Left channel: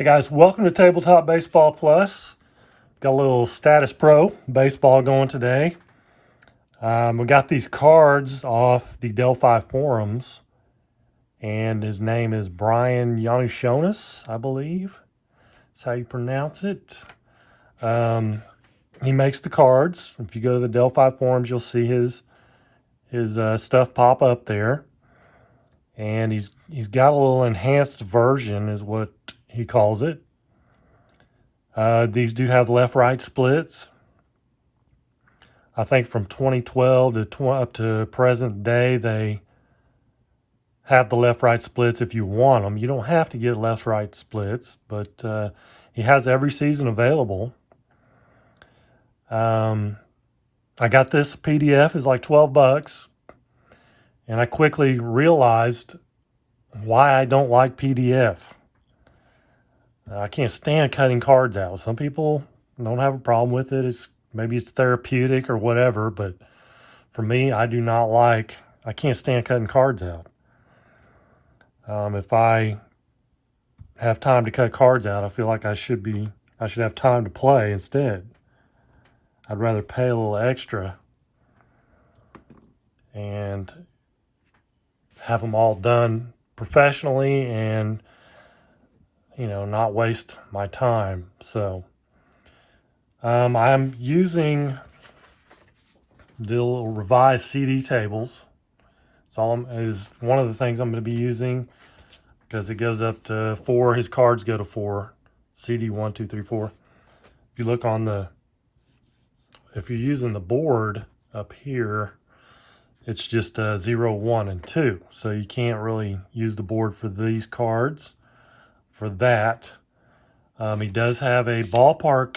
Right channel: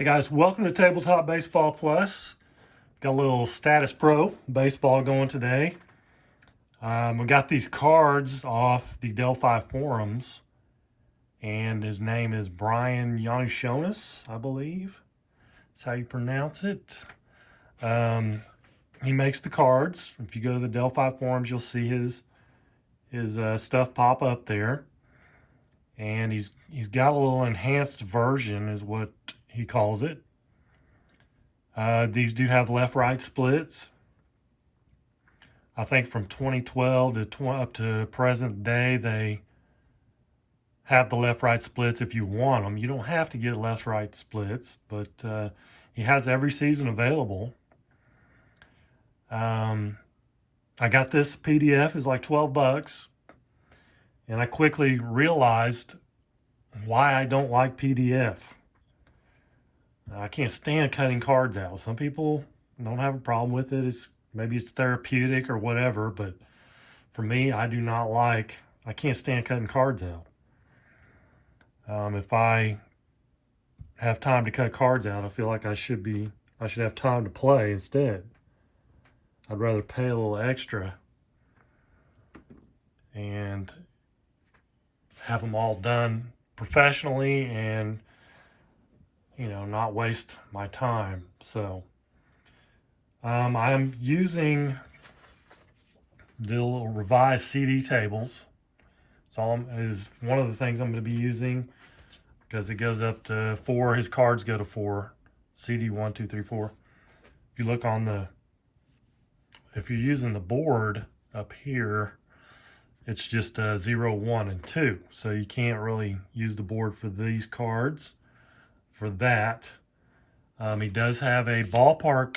Hey guys, welcome to Tabletop Baseball Plus. Got a little Statis Pro Baseball going today. We got these cards off the Delphi forums, and his name is Brian Yanushonis, I believe. That's how you pronounce it. He makes the cards. If you go to the Delphi forums, you'll see his stuff pop up there. And he's got a little enhanced version, is what he calls it. These do have left-right splits. I think from 2012 to up to present day, they have the left-right splits if you want them. You don't have to get left-right splits, but he has every season available. I got this PDF, is like 12 bucks, and I quickly realized why I don't like PDF. I can't stand cutting cards out. Some people don't have a problem with it. Maybe it's therapeutic or whatever, but for me, I can't stand cutting cards out. If I have time to cut cards out, I feel like I should have time to play instead. I'd rather pay a little extra and have them all done professionally and, not waste my time. So I'm using the little revised CD tables. Is one of the things I'm going to be using, because it goes up to 4. His cards go to 4. CD 1, 2, 3, 4. If you look if you're using the board up here, it's just 0, 1, and 2. So you can't really use the board for these cards for that. He does have a ballpark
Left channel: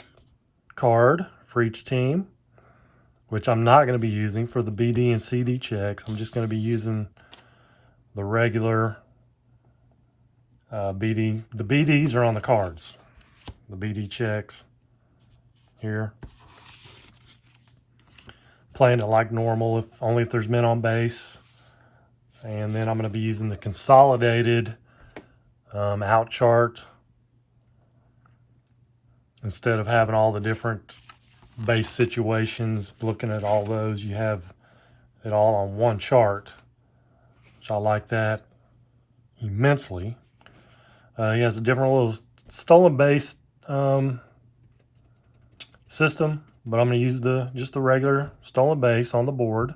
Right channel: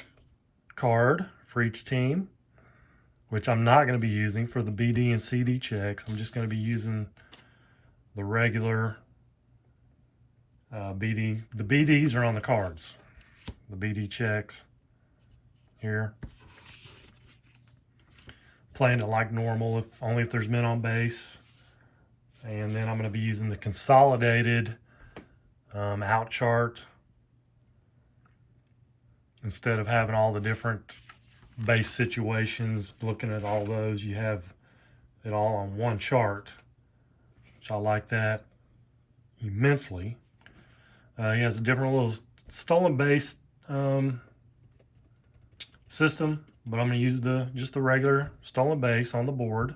card for each team, which I'm not going to be using for the BD and CD checks. I'm just going to be using the regular BD. The BDs are on the cards. The BD checks here. Playing it like normal, only if there's men on base. And then I'm going to be using the consolidated out chart. Instead of having all the different base situations, looking at all those, you have it all on one chart, which I like that immensely. He has a different little stolen base system, but I'm going to use just the regular stolen base on the board.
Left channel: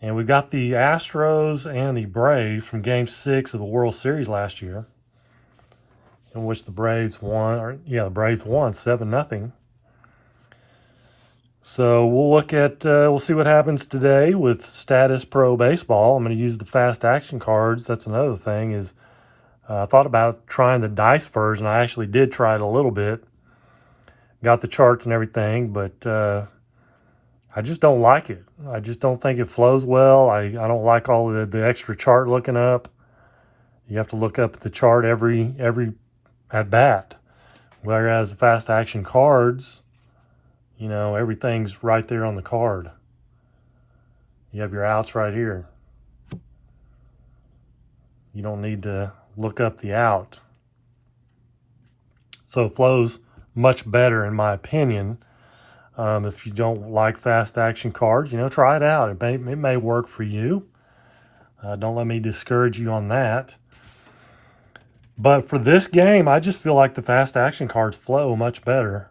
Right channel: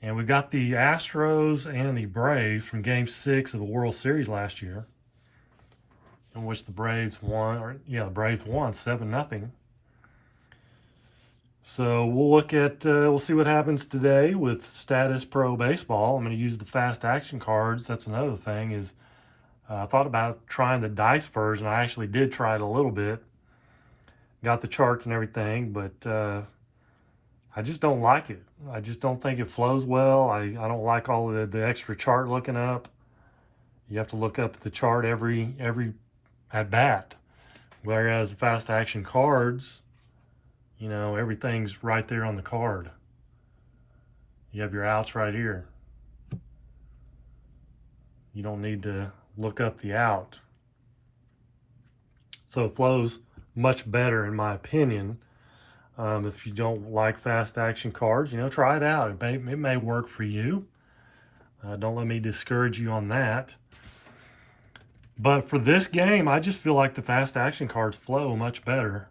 And we've got the Astros and the Braves from Game 6 of the World Series last year, in which the Braves won. The Braves won 7-0. So we'll see what happens today with Statis Pro Baseball. I'm going to use the fast action cards. That's another thing, is I thought about trying the dice version. I actually did try it a little bit. Got the charts and everything, but I just don't like it. I just don't think it flows well. I don't like all the extra chart looking up. You have to look up the chart every at bat. Whereas the fast action cards, everything's right there on the card. You have your outs right here. You don't need to look up the out. So it flows much better, in my opinion. If you don't like fast action cards, try it out. It may work for you. Don't let me discourage you on that. But for this game, I just feel like the fast action cards flow much better.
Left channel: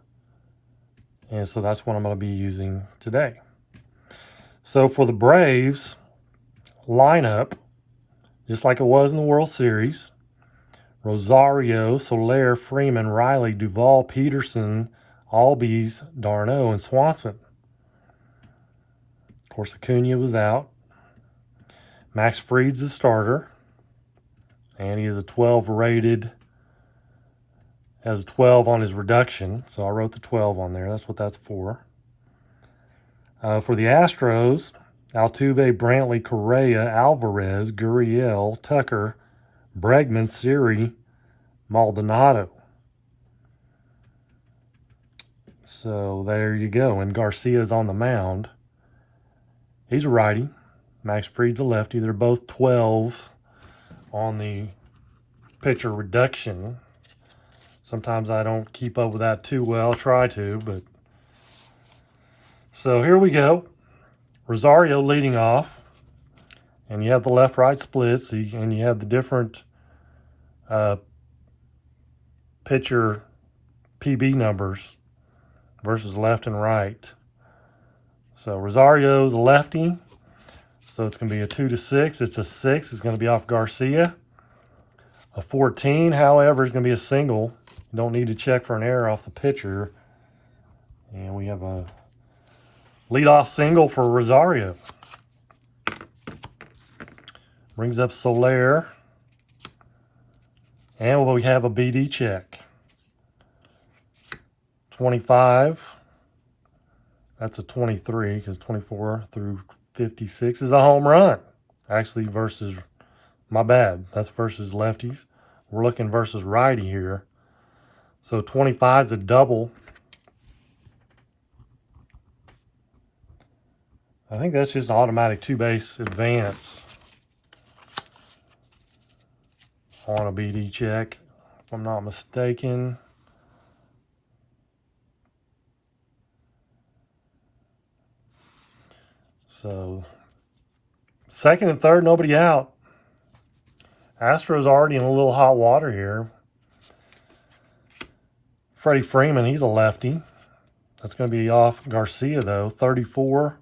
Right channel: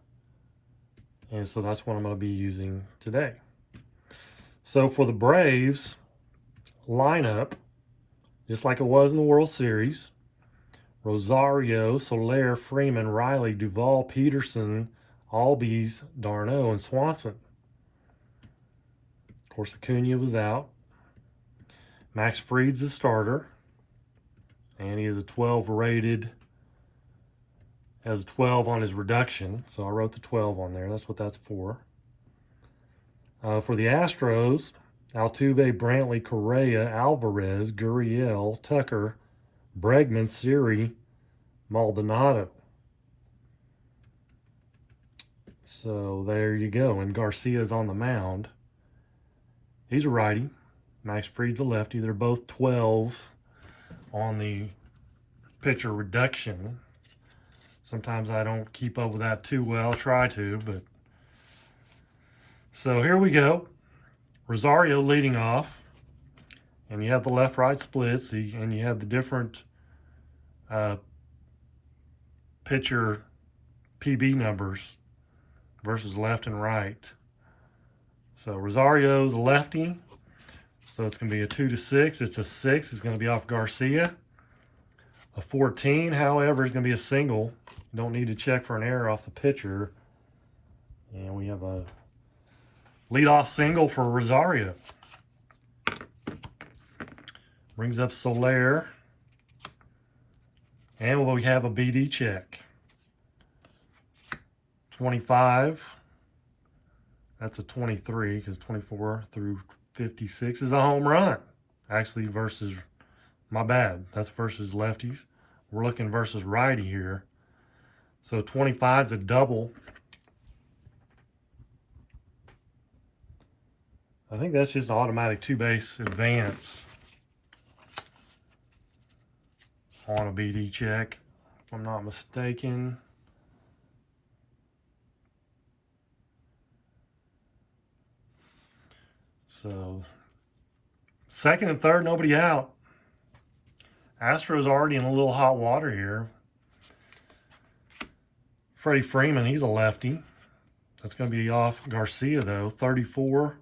And so that's what I'm going to be using today. So for the Braves lineup, just like it was in the World Series, Rosario, Soler, Freeman, Riley, Duvall, Peterson, Albies, Darno, and Swanson. Of course, Acuna was out. Max Fried's the starter. And he is a 12 rated. Has a 12 on his reduction. So I wrote the 12 on there. That's what that's for. For the Astros, Altuve, Brantley, Correa, Alvarez, Gurriel, Tucker, Bregman, Siri, Maldonado. So there you go. And Garcia's on the mound. He's a righty. Max Fried's a lefty. They're both 12s on the pitcher reduction. Sometimes I don't keep up with that too well. I try to, but. So here we go. Rosario leading off. And you have the left-right splits, and you have the different pitcher PB numbers versus left and right. So Rosario's a lefty, so it's going to be a 2-6. It's a 6. It's going to be off Garcia. A 14, however, is going to be a single. You don't need to check for an error off the pitcher. And we have a leadoff single for Rosario. Brings up Soler. And we have a BD check. 25. That's a 23 because 24 through 56 is a home run. Actually, versus, my bad, that's versus lefties. We're looking versus righty here. So 25 is a double. I think that's just an automatic two-base advance on a BD check, if I'm not mistaken. So, second and third, nobody out. Astros already in a little hot water here. Freddie Freeman, he's a lefty. That's going to be off Garcia, though. 34.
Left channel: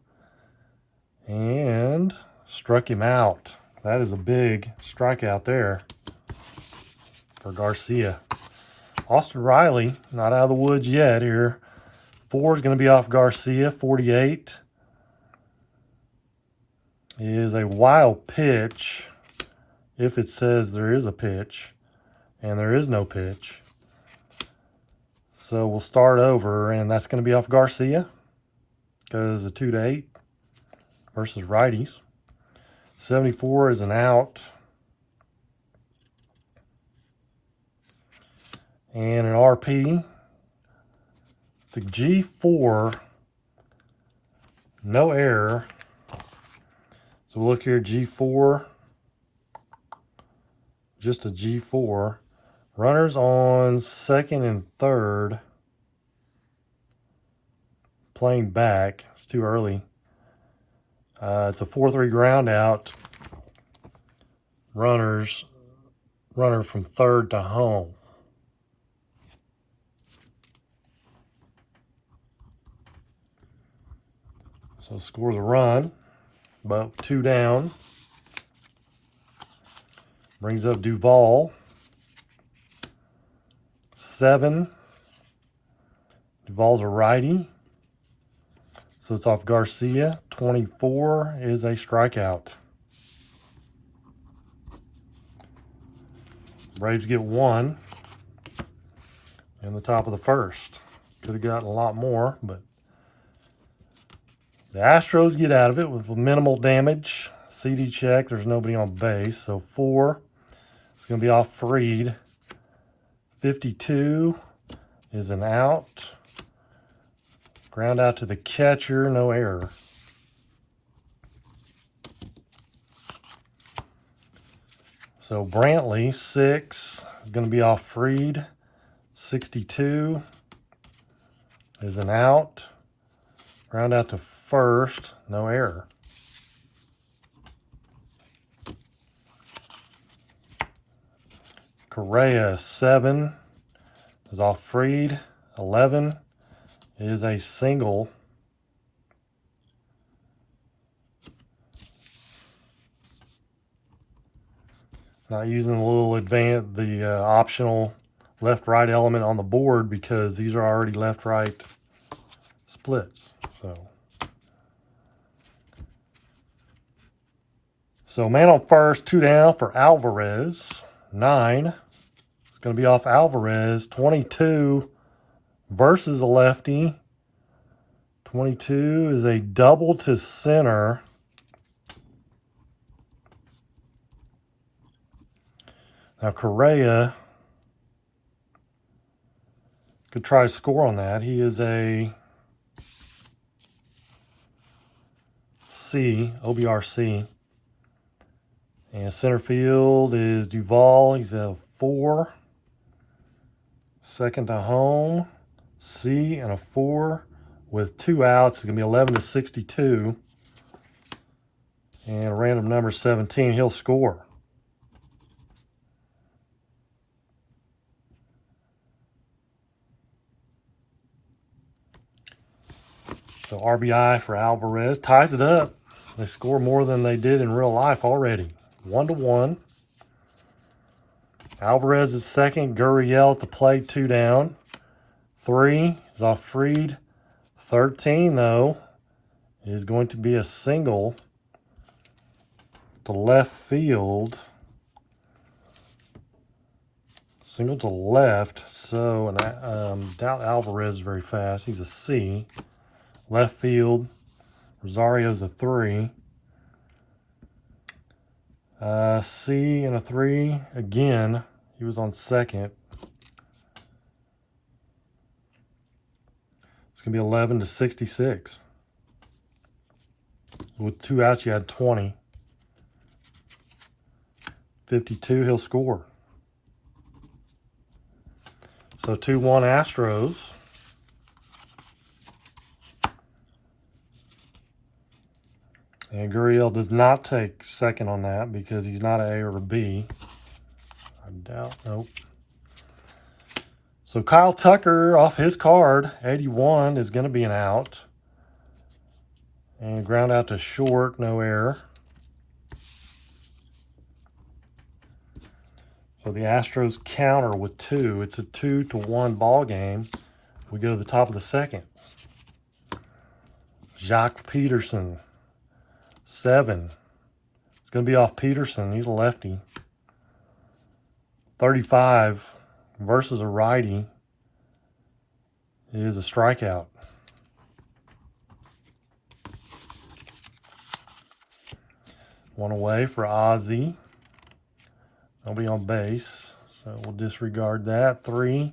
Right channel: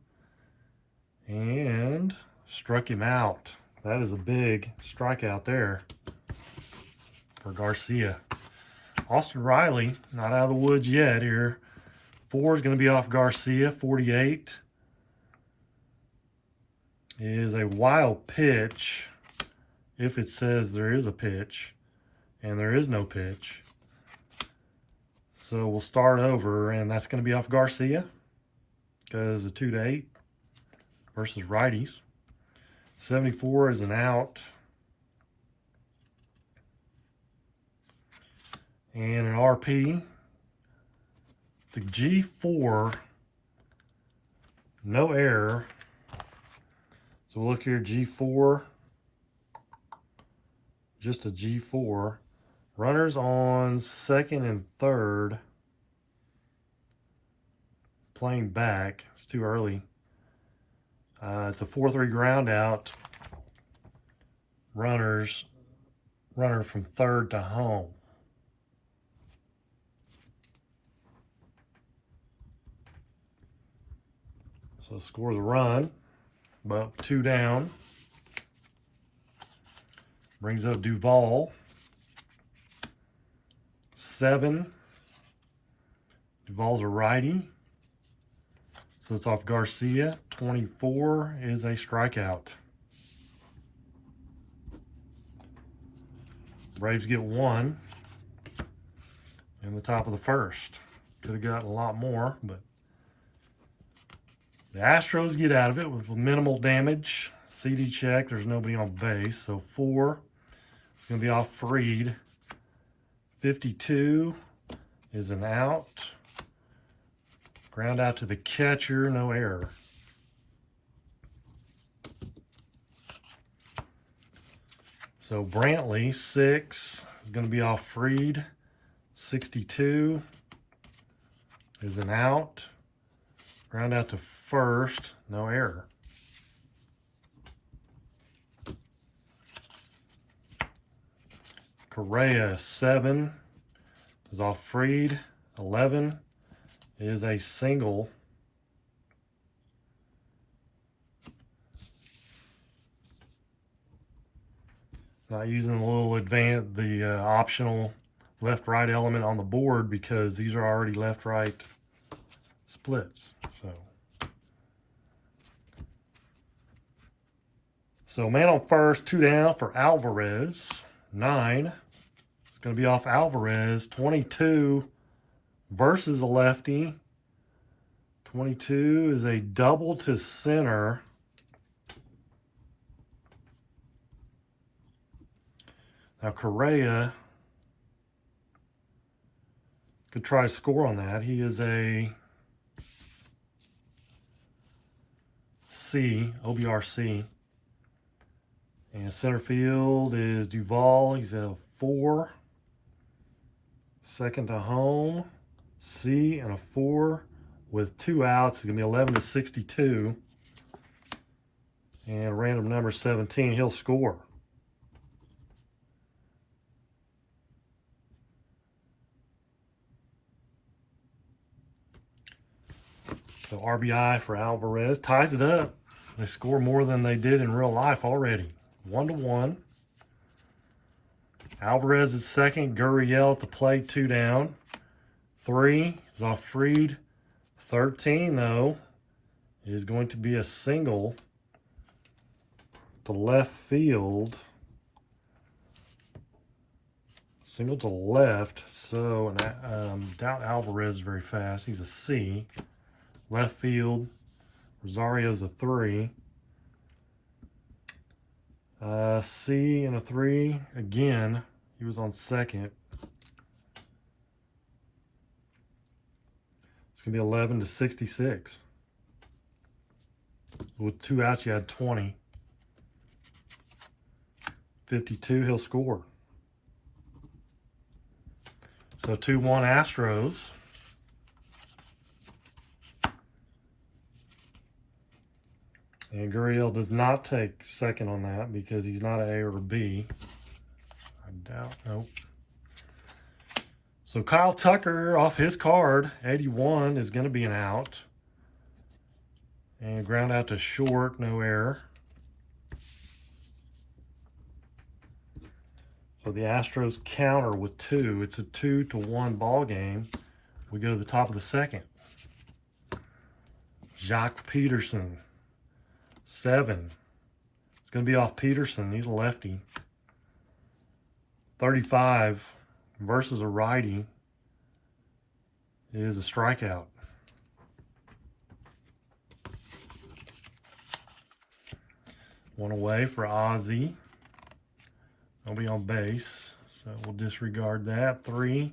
And struck him out. That is a big strikeout there for Garcia. Austin Riley, not out of the woods yet here. 4 is going to be off Garcia. 48 is a wild pitch, if it says there is a pitch, and there is no pitch. So we'll start over, and that's going to be off Garcia because a 2-8 versus righties. 74 is an out. And an RP. It's a G4. No error. So we'll look here, G4. Just a G4. Runners on second and third. Playing back. It's too early. It's a 4-3 ground out. Runner from third to home. So scores a run, about 2 down. Brings up Duvall. 7. Duvall's a righty. So it's off Garcia. 24 is a strikeout. Braves get 1 in the top of the first. Could have gotten a lot more, but the Astros get out of it with minimal damage. CD check, there's nobody on base. So 4 is going to be off Freed. 52 is an out. Ground out to the catcher, no error. So Brantley, 6 is going to be off Freed. 62 is an out. Ground out to first, no error. Correa, 7 is off Freed. 11 is a single. Not using the little optional left-right element on the board because these are already left-right splits. So man on first, 2 down for Alvarez. 9. It's going to be off Alvarez. 22 versus a lefty. 22 is a double to center. Now Correa could try to score on that. He is a C, OBRC. And center field is Duvall. He's a 4. Second to home. C and a 4 with 2 outs. It's going to be 11-62. And random number 17, he'll score. So RBI for Alvarez ties it up. They score more than they did in real life already. 1-1. Alvarez is second. Gurriel at the plate, 2 down. 3 is off Fried. 13, though, is going to be a single to left field. Single to left. So, doubt Alvarez is very fast. He's a C. Left field. Rosario's a 3. C and a 3 again. He was on second. It's going to be 11-66. With 2 outs, you had 20. 52, he'll score. So 2-1 Astros. And Gurriel does not take second on that because he's not an A or a B. I doubt, nope. So Kyle Tucker off his card, 81, is going to be an out. And ground out to short, no error. So the Astros counter with 2. It's a 2-1 ball game. We go to the top of the second. Jacques Peterson, 7. It's going to be off Peterson. He's a lefty. 35 versus a righty is a strikeout. One away for Ozzie. Nobody on base, so we'll disregard that. 3,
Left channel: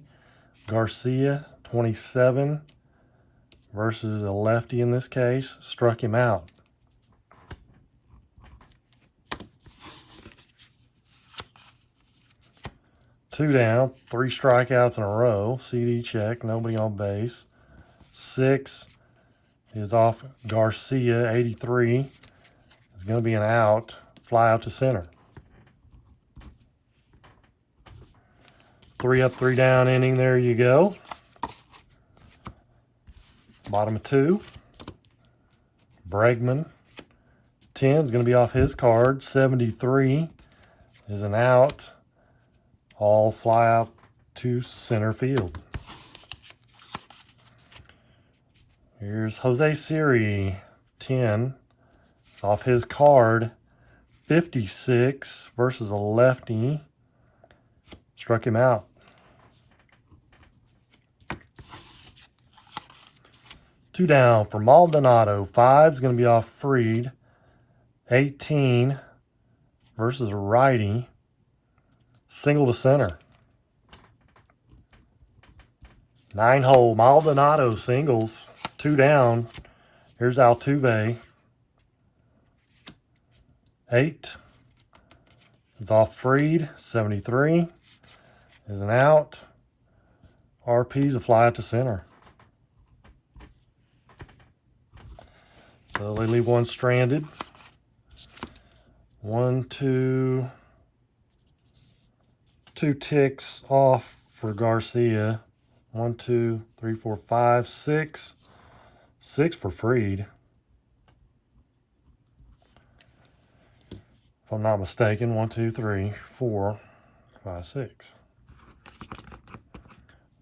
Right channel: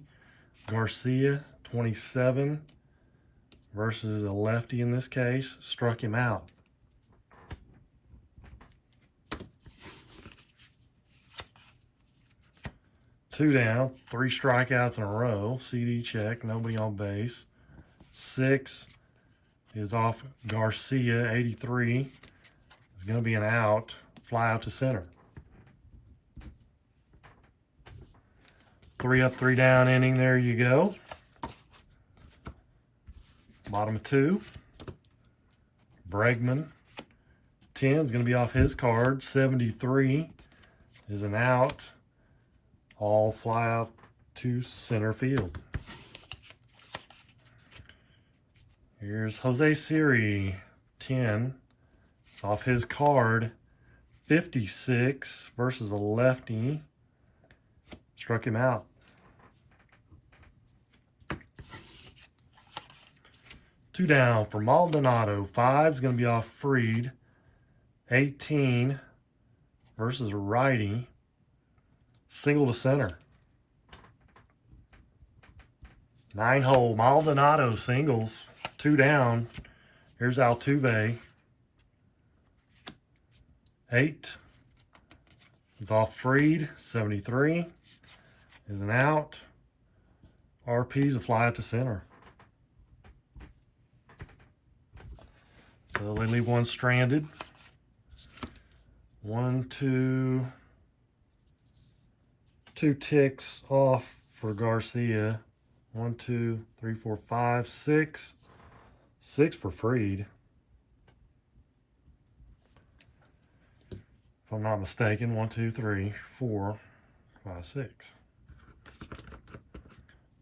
Garcia, 27, versus a lefty in this case. Struck him out. Two down, 3 strikeouts in a row. CD check, nobody on base. 6 is off Garcia, 83. It's going to be an out. Fly out to center. 3 up, 3 down inning. There you go. Bottom of 2. Bregman. 10 is going to be off his card. 73 is an out. All fly out to center field. Here's Jose Siri. 10 off his card. 56 versus a lefty. Struck him out. 2 down for Maldonado. 5 is going to be off Fried. 18 versus a righty. Single to center. 9-hole Maldonado singles. 2 down. Here's Altuve. 8 is off Fried. 73 is an out. RP's a fly out to center. So they leave one stranded. 1, 2, 2 ticks off for Garcia. 1, 2, 3, 4, 5, 6. 6 for Fried. If I'm not mistaken, 1, 2, 3, 4, 5, 6.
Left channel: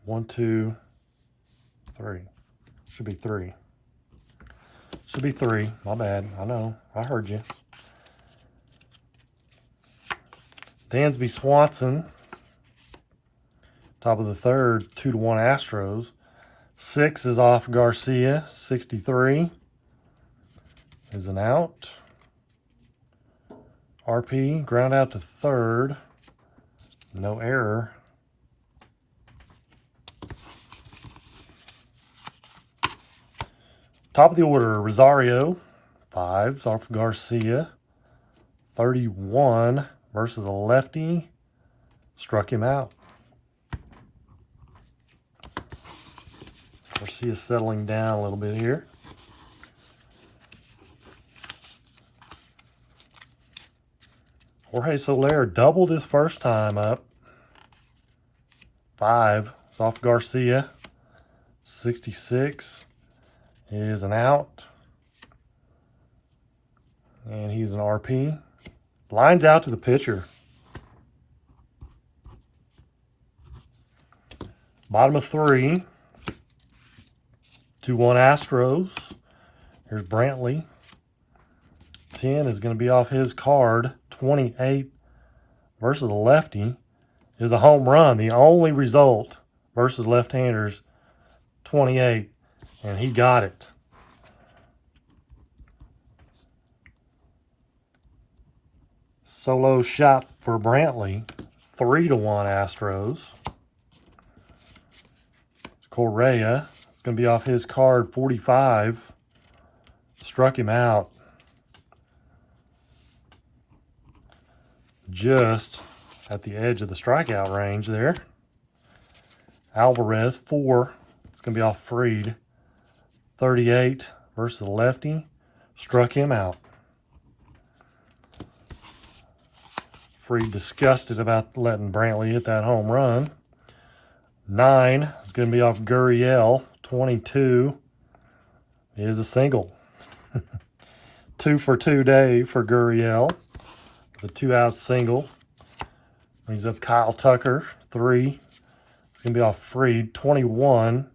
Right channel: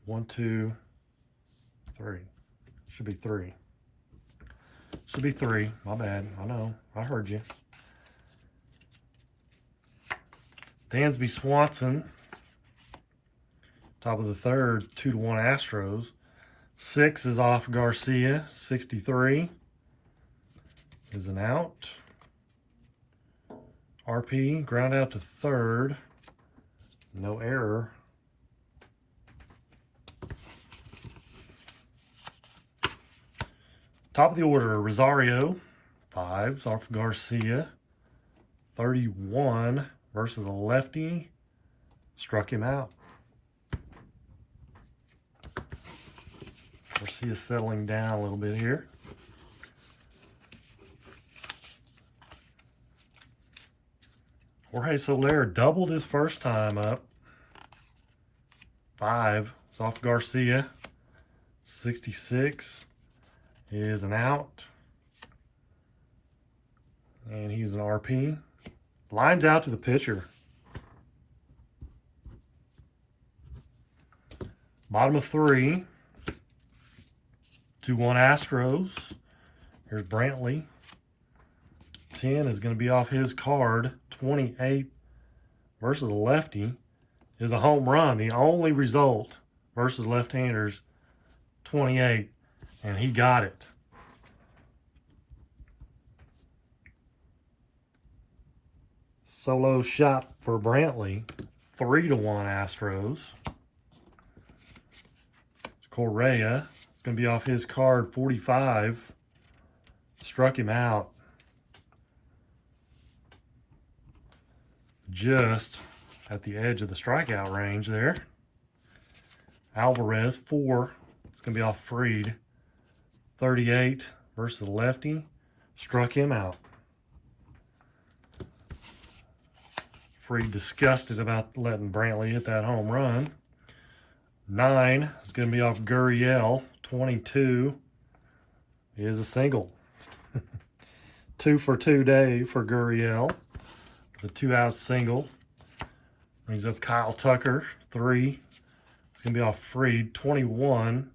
1, 2, 3. Should be 3. Should be 3. My bad. I know. I heard you. Dansby Swanson. Top of the third. 2-1 Astros. 6 is off Garcia. 63 is an out. RP. Ground out to third. No error. Top of the order, Rosario, 5's off Garcia. 31 versus a lefty. Struck him out. Garcia settling down a little bit here. Jorge Soler doubled his first time up. 5 off Garcia. 66 is an out. And he's an RP. Lines out to the pitcher. Bottom of 3. 2-1 Astros. Here's Brantley. 10 is going to be off his card. 28 versus a lefty is a home run. The only result versus left-handers, 28, and he got it. Solo shot for Brantley. 3-1 Astros. Correa, it's going to be off his card. 45. Struck him out. Just at the edge of the strikeout range there. Alvarez, 4. It's going to be off Fried. 38 versus the lefty. Struck him out. Fried disgusted about letting Brantley hit that home run. 9 is going to be off Gurriel. 22 is a single. 2 for 2 day for Gurriel. The 2-out single. Brings up Kyle Tucker. 3. It's going to be off Fried. 21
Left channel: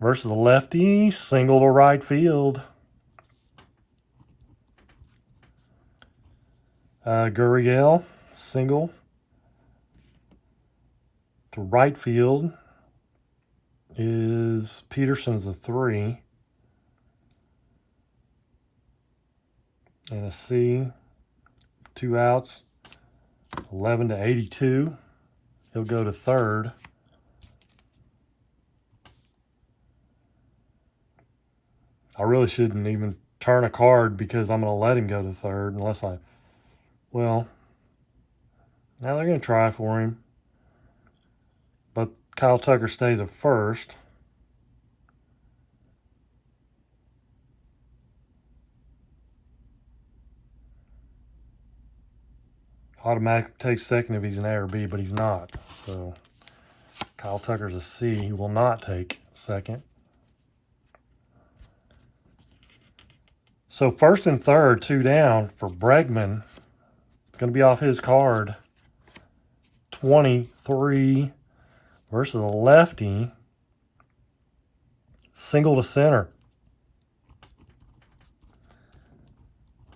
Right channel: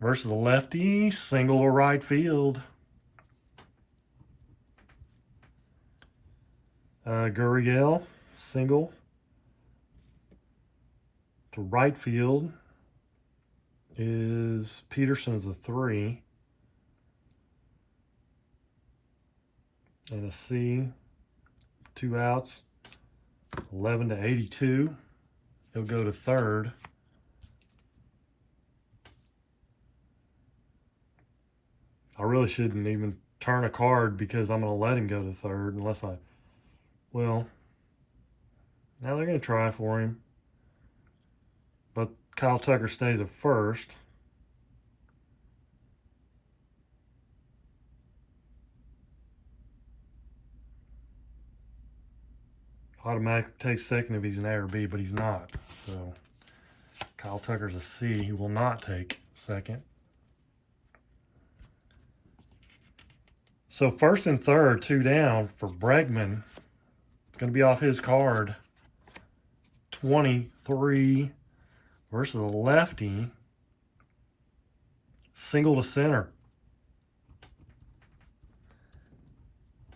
versus the lefty. Single to right field. Gurriel, single to right field is Peterson's a 3. And a C. 2 outs. 11 to 82. He'll go to third. I really shouldn't even turn a card because I'm going to let him go to third unless I... Well, now they're going to try for him. But Kyle Tucker stays at first. Automatic takes second if he's an A or B, but he's not. So Kyle Tucker's a C. He will not take second. So first and third, 2 down for Bregman. It's going to be off his card. 23 versus a lefty. Single to center.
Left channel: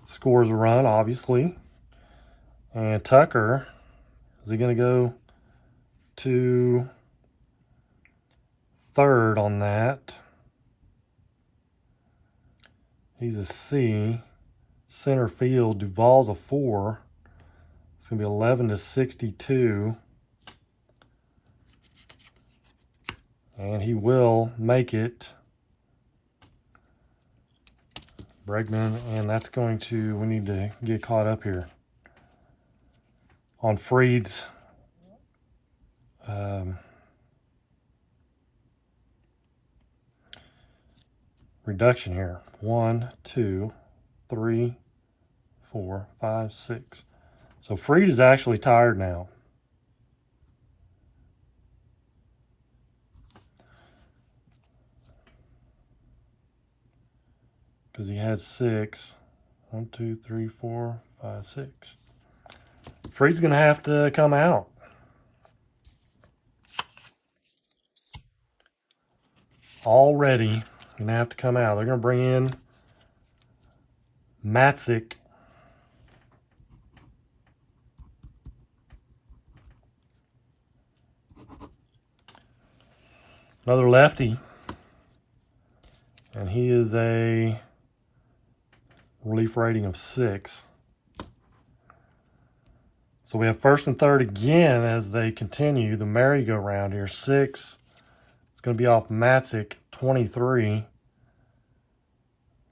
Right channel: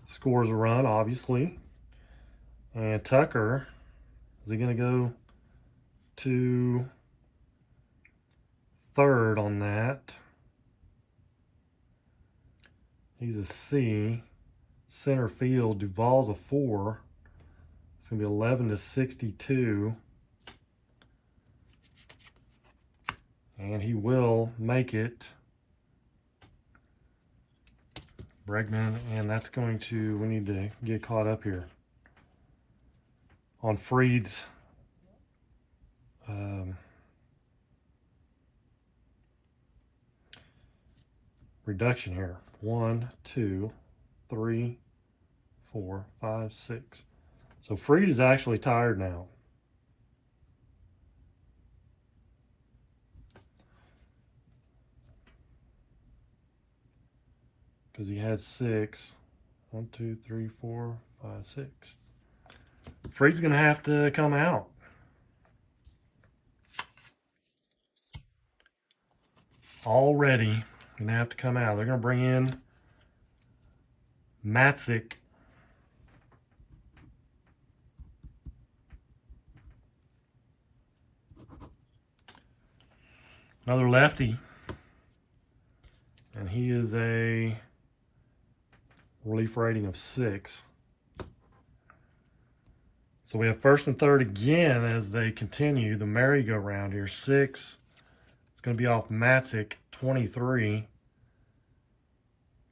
Scores a run, obviously. And Tucker, is he going to go to third on that? He's a C. Center field, Duvall's a 4. It's going to be 11 to 62. And he will make it. Bregman, and that's going to, we need to get caught up here on Fried's reduction here. 1, 2, 3, 4, 5, 6. So Fried is actually tired now. Because he had 6. 1, 2, 3, 4, 5, 6. Fried's going to have to come out. Already going to have to come out. They're going to bring in Matzik. Another lefty. And he is a relief rating of 6. So we have first and third again as they continue the merry-go-round here. 6. It's going to be off Matzik. 23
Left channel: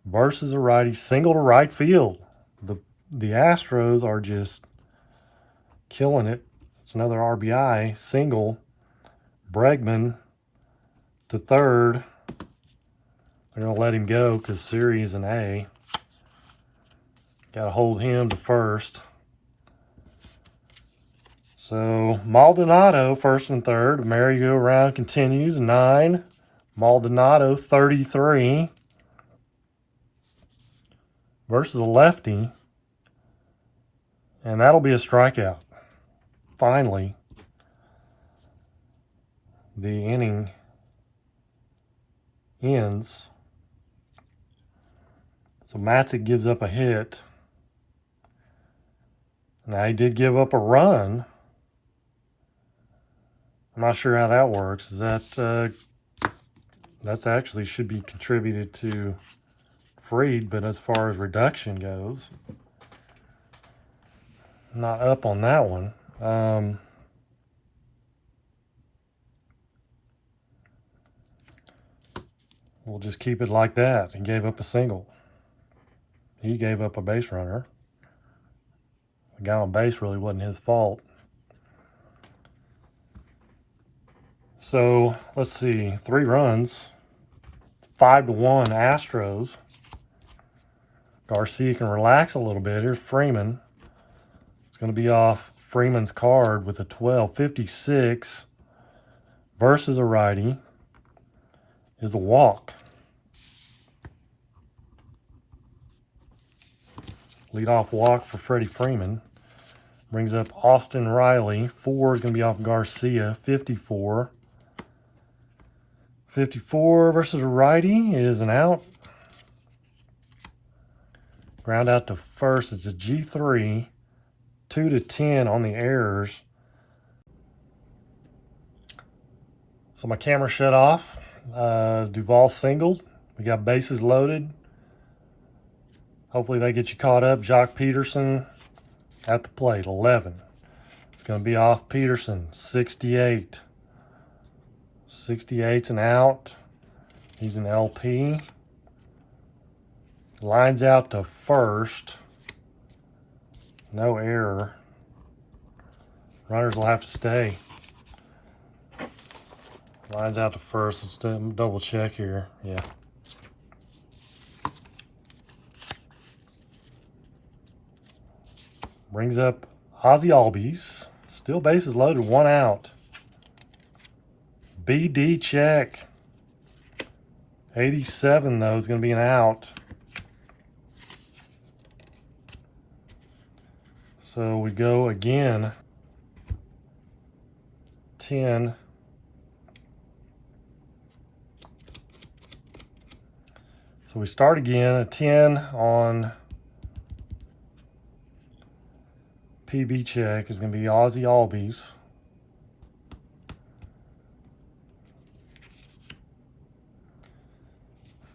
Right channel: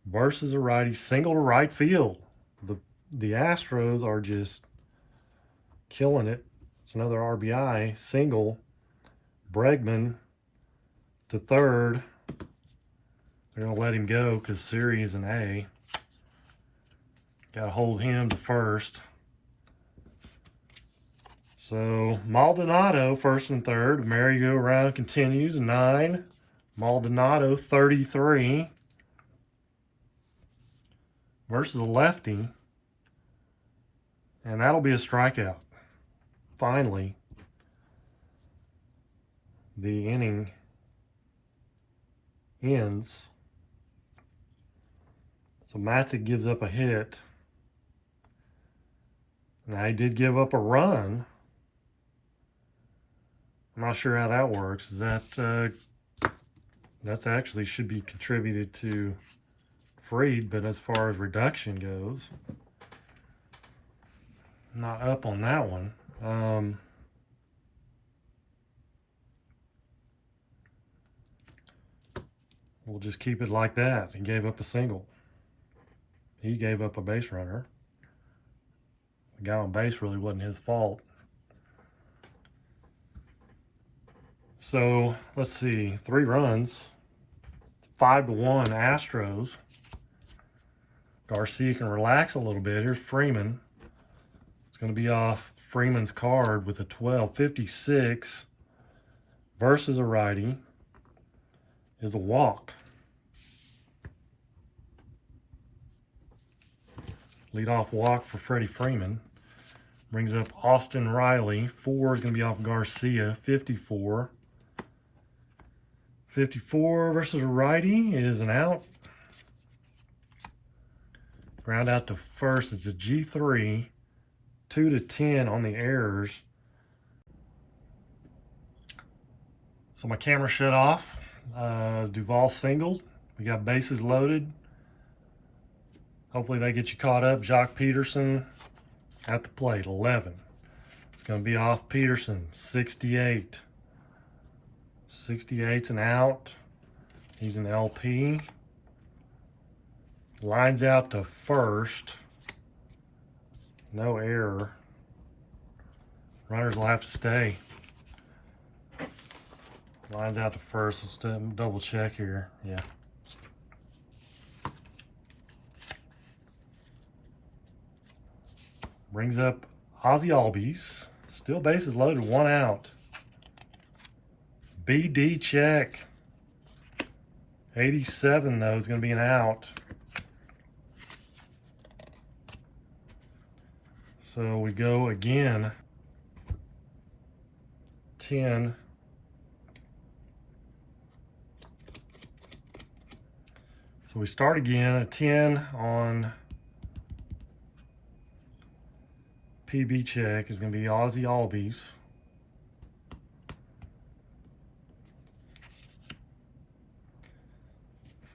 versus a righty. Single to right field. The Astros are just killing it It's another RBI single. Bregman to third. They're going to let him go because Siri is an A. Got to hold him to first. So Maldonado first and third. Merry-go-round continues. 9. Maldonado 33 versus a lefty. And that'll be a strikeout. Finally, the inning ends. So Matzik gives up a hit. Now, he did give up a run. I'm not sure how that works. Is that that's actually should be contributed to Fried, but as far as reduction goes, I'm not up on that one. We'll just keep it like that. He gave up a single. He gave up a base runner. The guy on base really wasn't his fault. So let's see, 3 runs, 5-1 Astros. Garcia can relax a little bit. Here's Freeman. It's going to be off Freeman's card with a 12. 56 versus a righty is a walk. Leadoff walk for Freddie Freeman. Brings up Austin Riley. 4 is going to be off Garcia. 54. 54 versus a righty is an out. Ground out to first. It's a G3. 2-10 on the errors. So my camera shut off. Duvall singled. We got bases loaded. Hopefully they get you caught up. Jock Peterson at the plate, 11. It's going to be off Peterson, 68. 68's an out. He's an LP. Lines out to first. No error. Runners will have to stay. Lines out to first. Let's double check here. Yeah. Brings up Ozzy Albies. Still bases loaded, 1 out. BD check. 87, though, is going to be an out. So we go again. 10. So we start again, a 10 on PB check is going to be Ozzy Albies.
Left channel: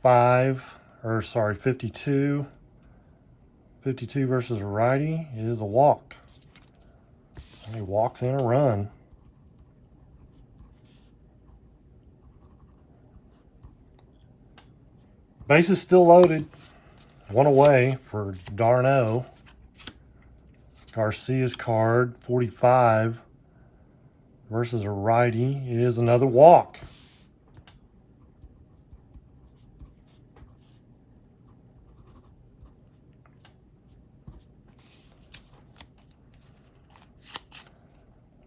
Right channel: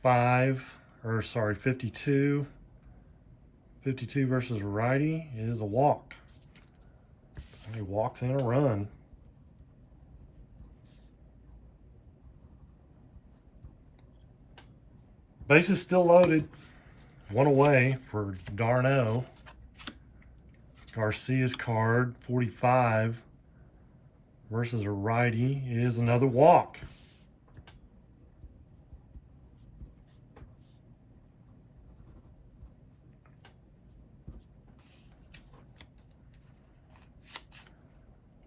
Five, or sorry, 52. 52 versus a righty is a walk. He walks in a run. Bases still loaded. 1 away for Darno. Garcia's card, 45 versus a righty is another walk.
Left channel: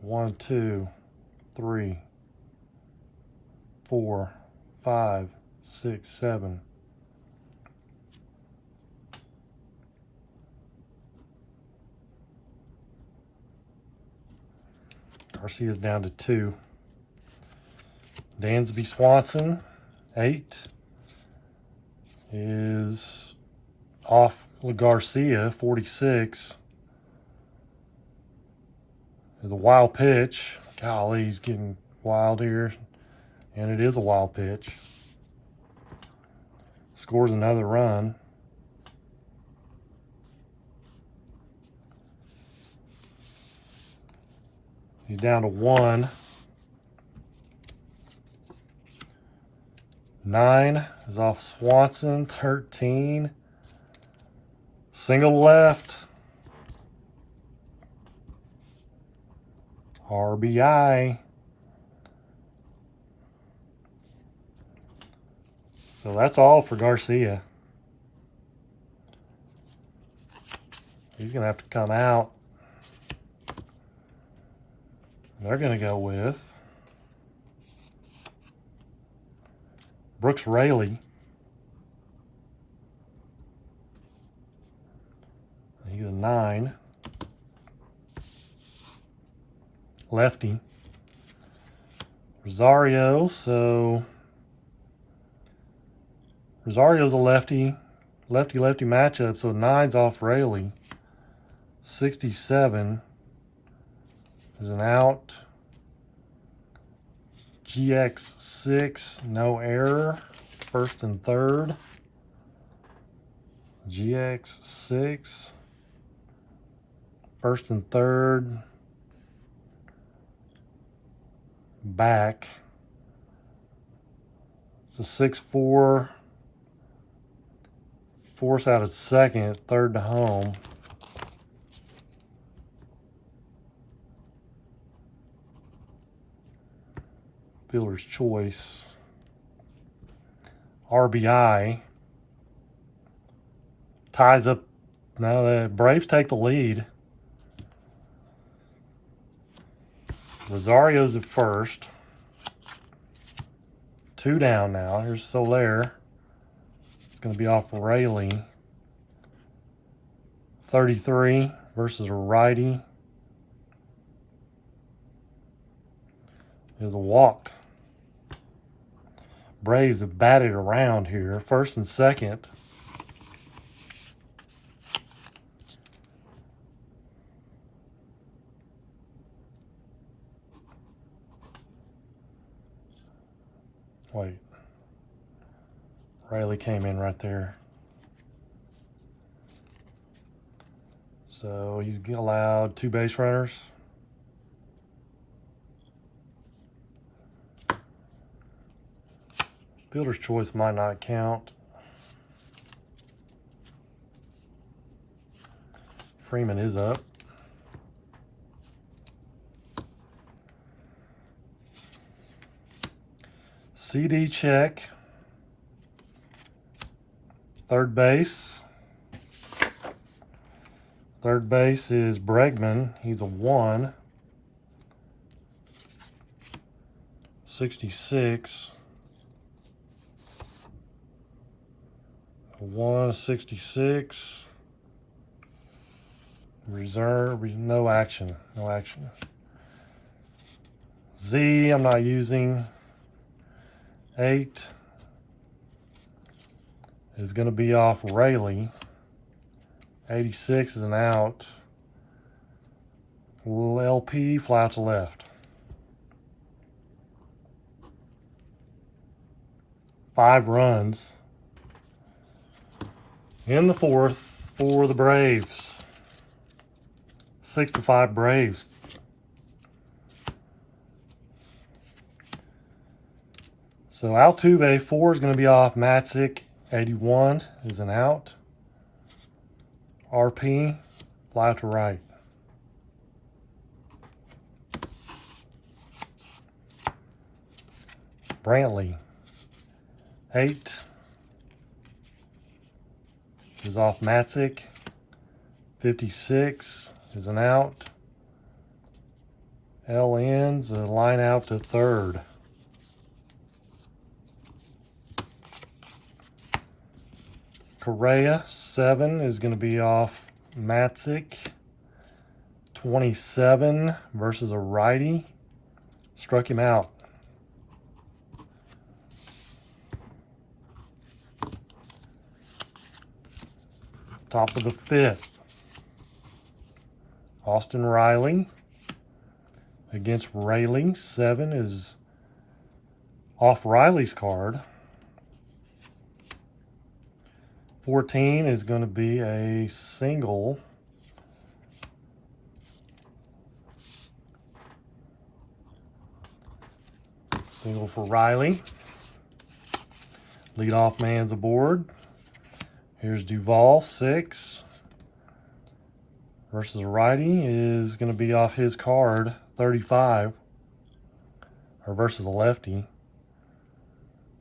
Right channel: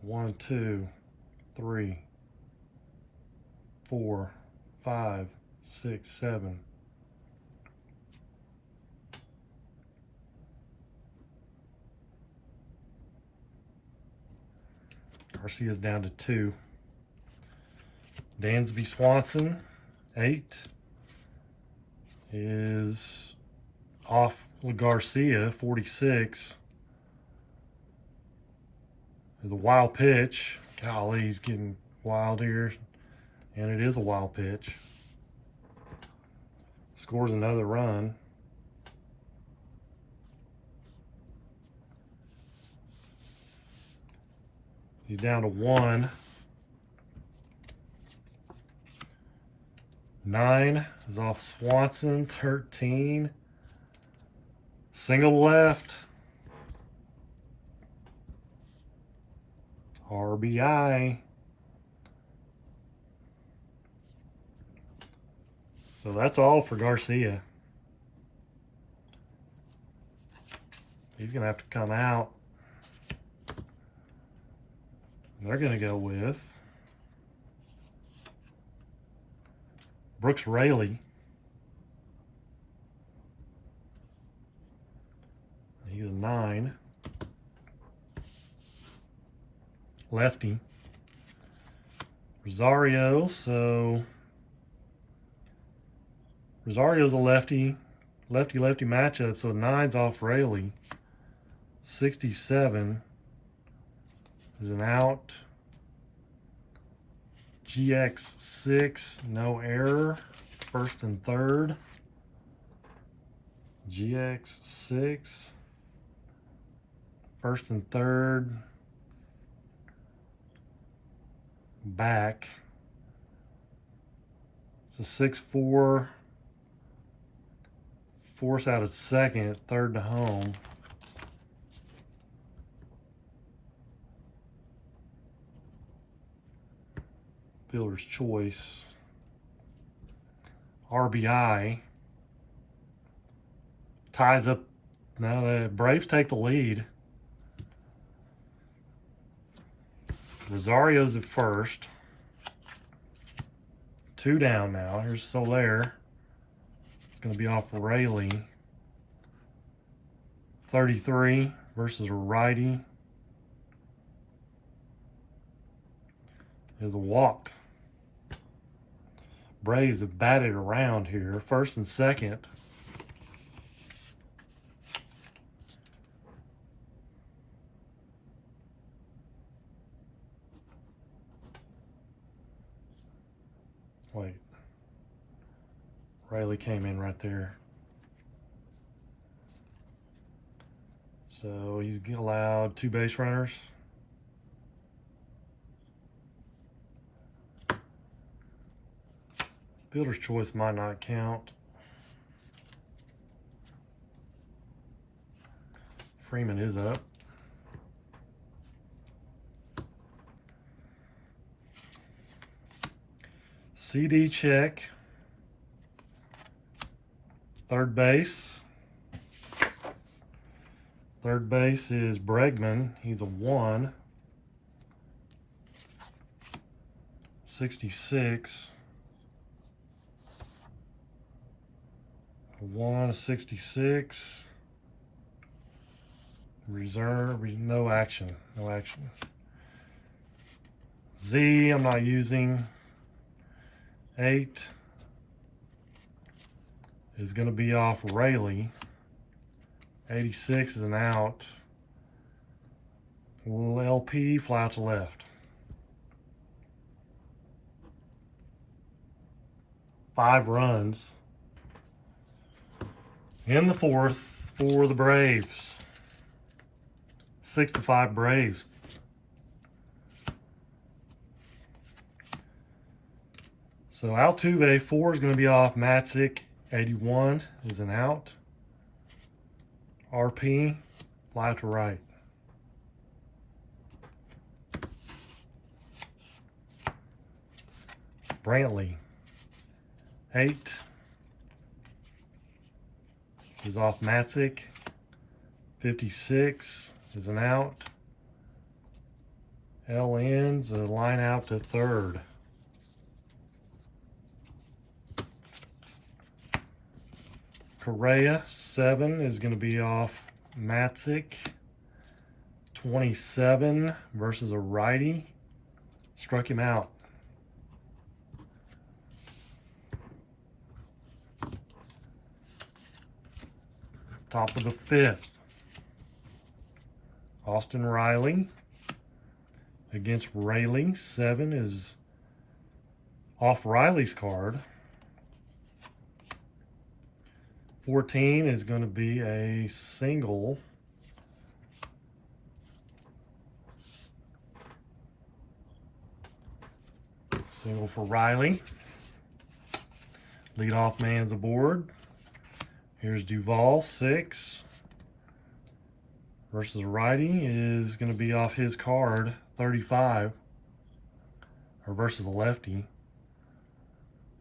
One, 2, 3, 4, 5, 6, 7. Garcia's down to 2. Dansby Swanson, 8, is off Garcia, 46. Is a wild pitch. Golly, he's getting wild here. And it is a wild pitch. Scores another run. He's down to 1. 9 is off Swanson. 13. Single left. RBI. So that's all for Garcia. He's going to have to come out. They're going to go with Brooks Raley. He's a 9. Lefty. Rosario, so Rosario's a lefty matchup, so 9's off Raley. 67 is an out. GX6, no error. First and third. GX6. First and third. Back. It's a 6-4. Force out at second, third to home. Fielder's choice. RBI. Ties up. Now the Braves take the lead. Rosario's at first. 2 down now. Here's Soler. It's going to be off Raley. 33 versus a righty. There's a walk. Braves have batted around here. First and second. Wait. Raley came in right there. So he's allowed 2 base runners. Fielder's choice might not count. Freeman is up. CD check. Third base. Third base is Bregman. He's a 1. 66. A 1, 66. Reserve, no action. No action. Z, I'm not using. 8 is going to be off Raley. 86 is an out. LP, fly out to left. 5 runs in the 4th for the Braves. 6-5 Braves. So Altuve, 4 is going to be off Matzik. 81 is an out. RP, fly to right. Brantley, 8 is off Matzik. 56 is an out. L ends a line out to third. Correa, 7 is going to be off Matzik. 27 versus a righty. Struck him out. Top of the 5th. Austin Riley against Raley. 7 is off Riley's card. 14 is going to be a single. Single for Riley. Leadoff man's aboard. Here's Duvall, 6. versus righty is going to be off his card, 35. Or versus a lefty.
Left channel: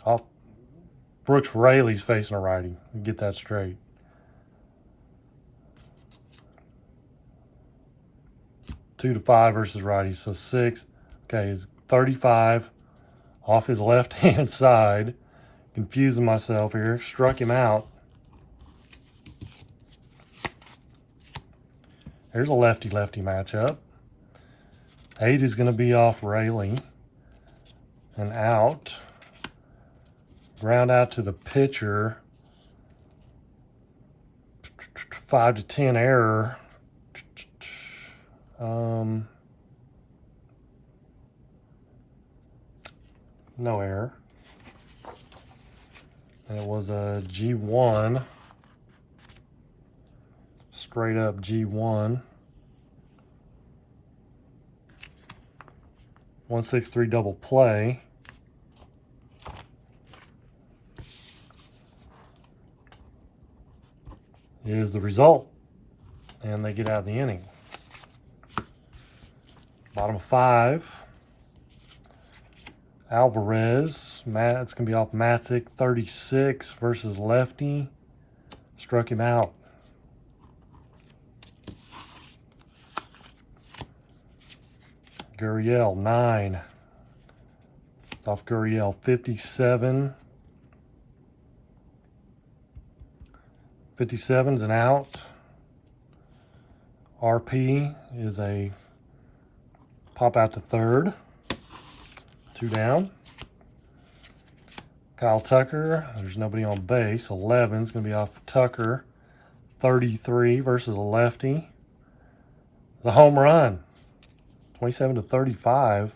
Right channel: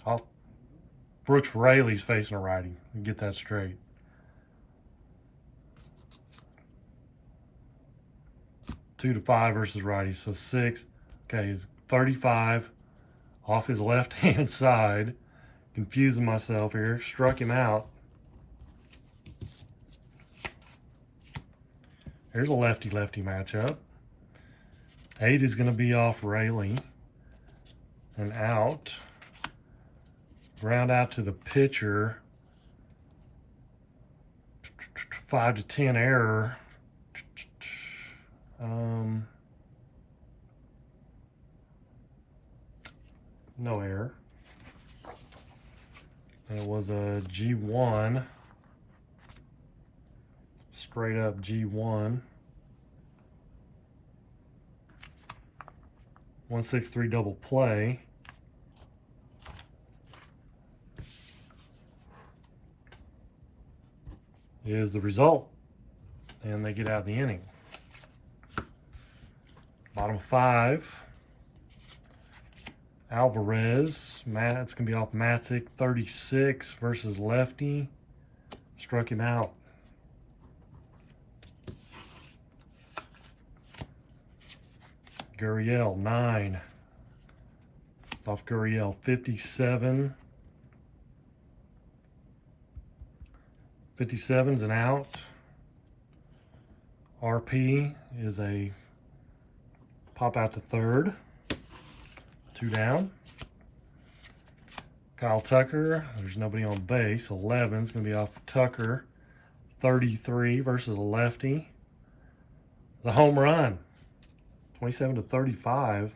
Off Brooks Raley's facing a righty. Get that straight. Two to 5 versus righty. So 6. Okay, it's 35 off his left-hand side. Confusing myself here. Struck him out. There's a lefty-lefty matchup. 8 is going to be off Raley. And out. Ground out to the pitcher. 5 to 10 error. No error. And it was a G1. Straight up G1. 163 double play. Is the result. And they get out of the inning. Bottom of 5. Alvarez. It's going to be off Matzik. 36 versus lefty. Struck him out. Gurriel, 9. It's off Gurriel, 57. 57's an out. RP is a pop out to third. 2 down. Kyle Tucker, there's nobody on base. 11's going to be off Tucker. 33 versus a lefty. The home run. 27 to 35.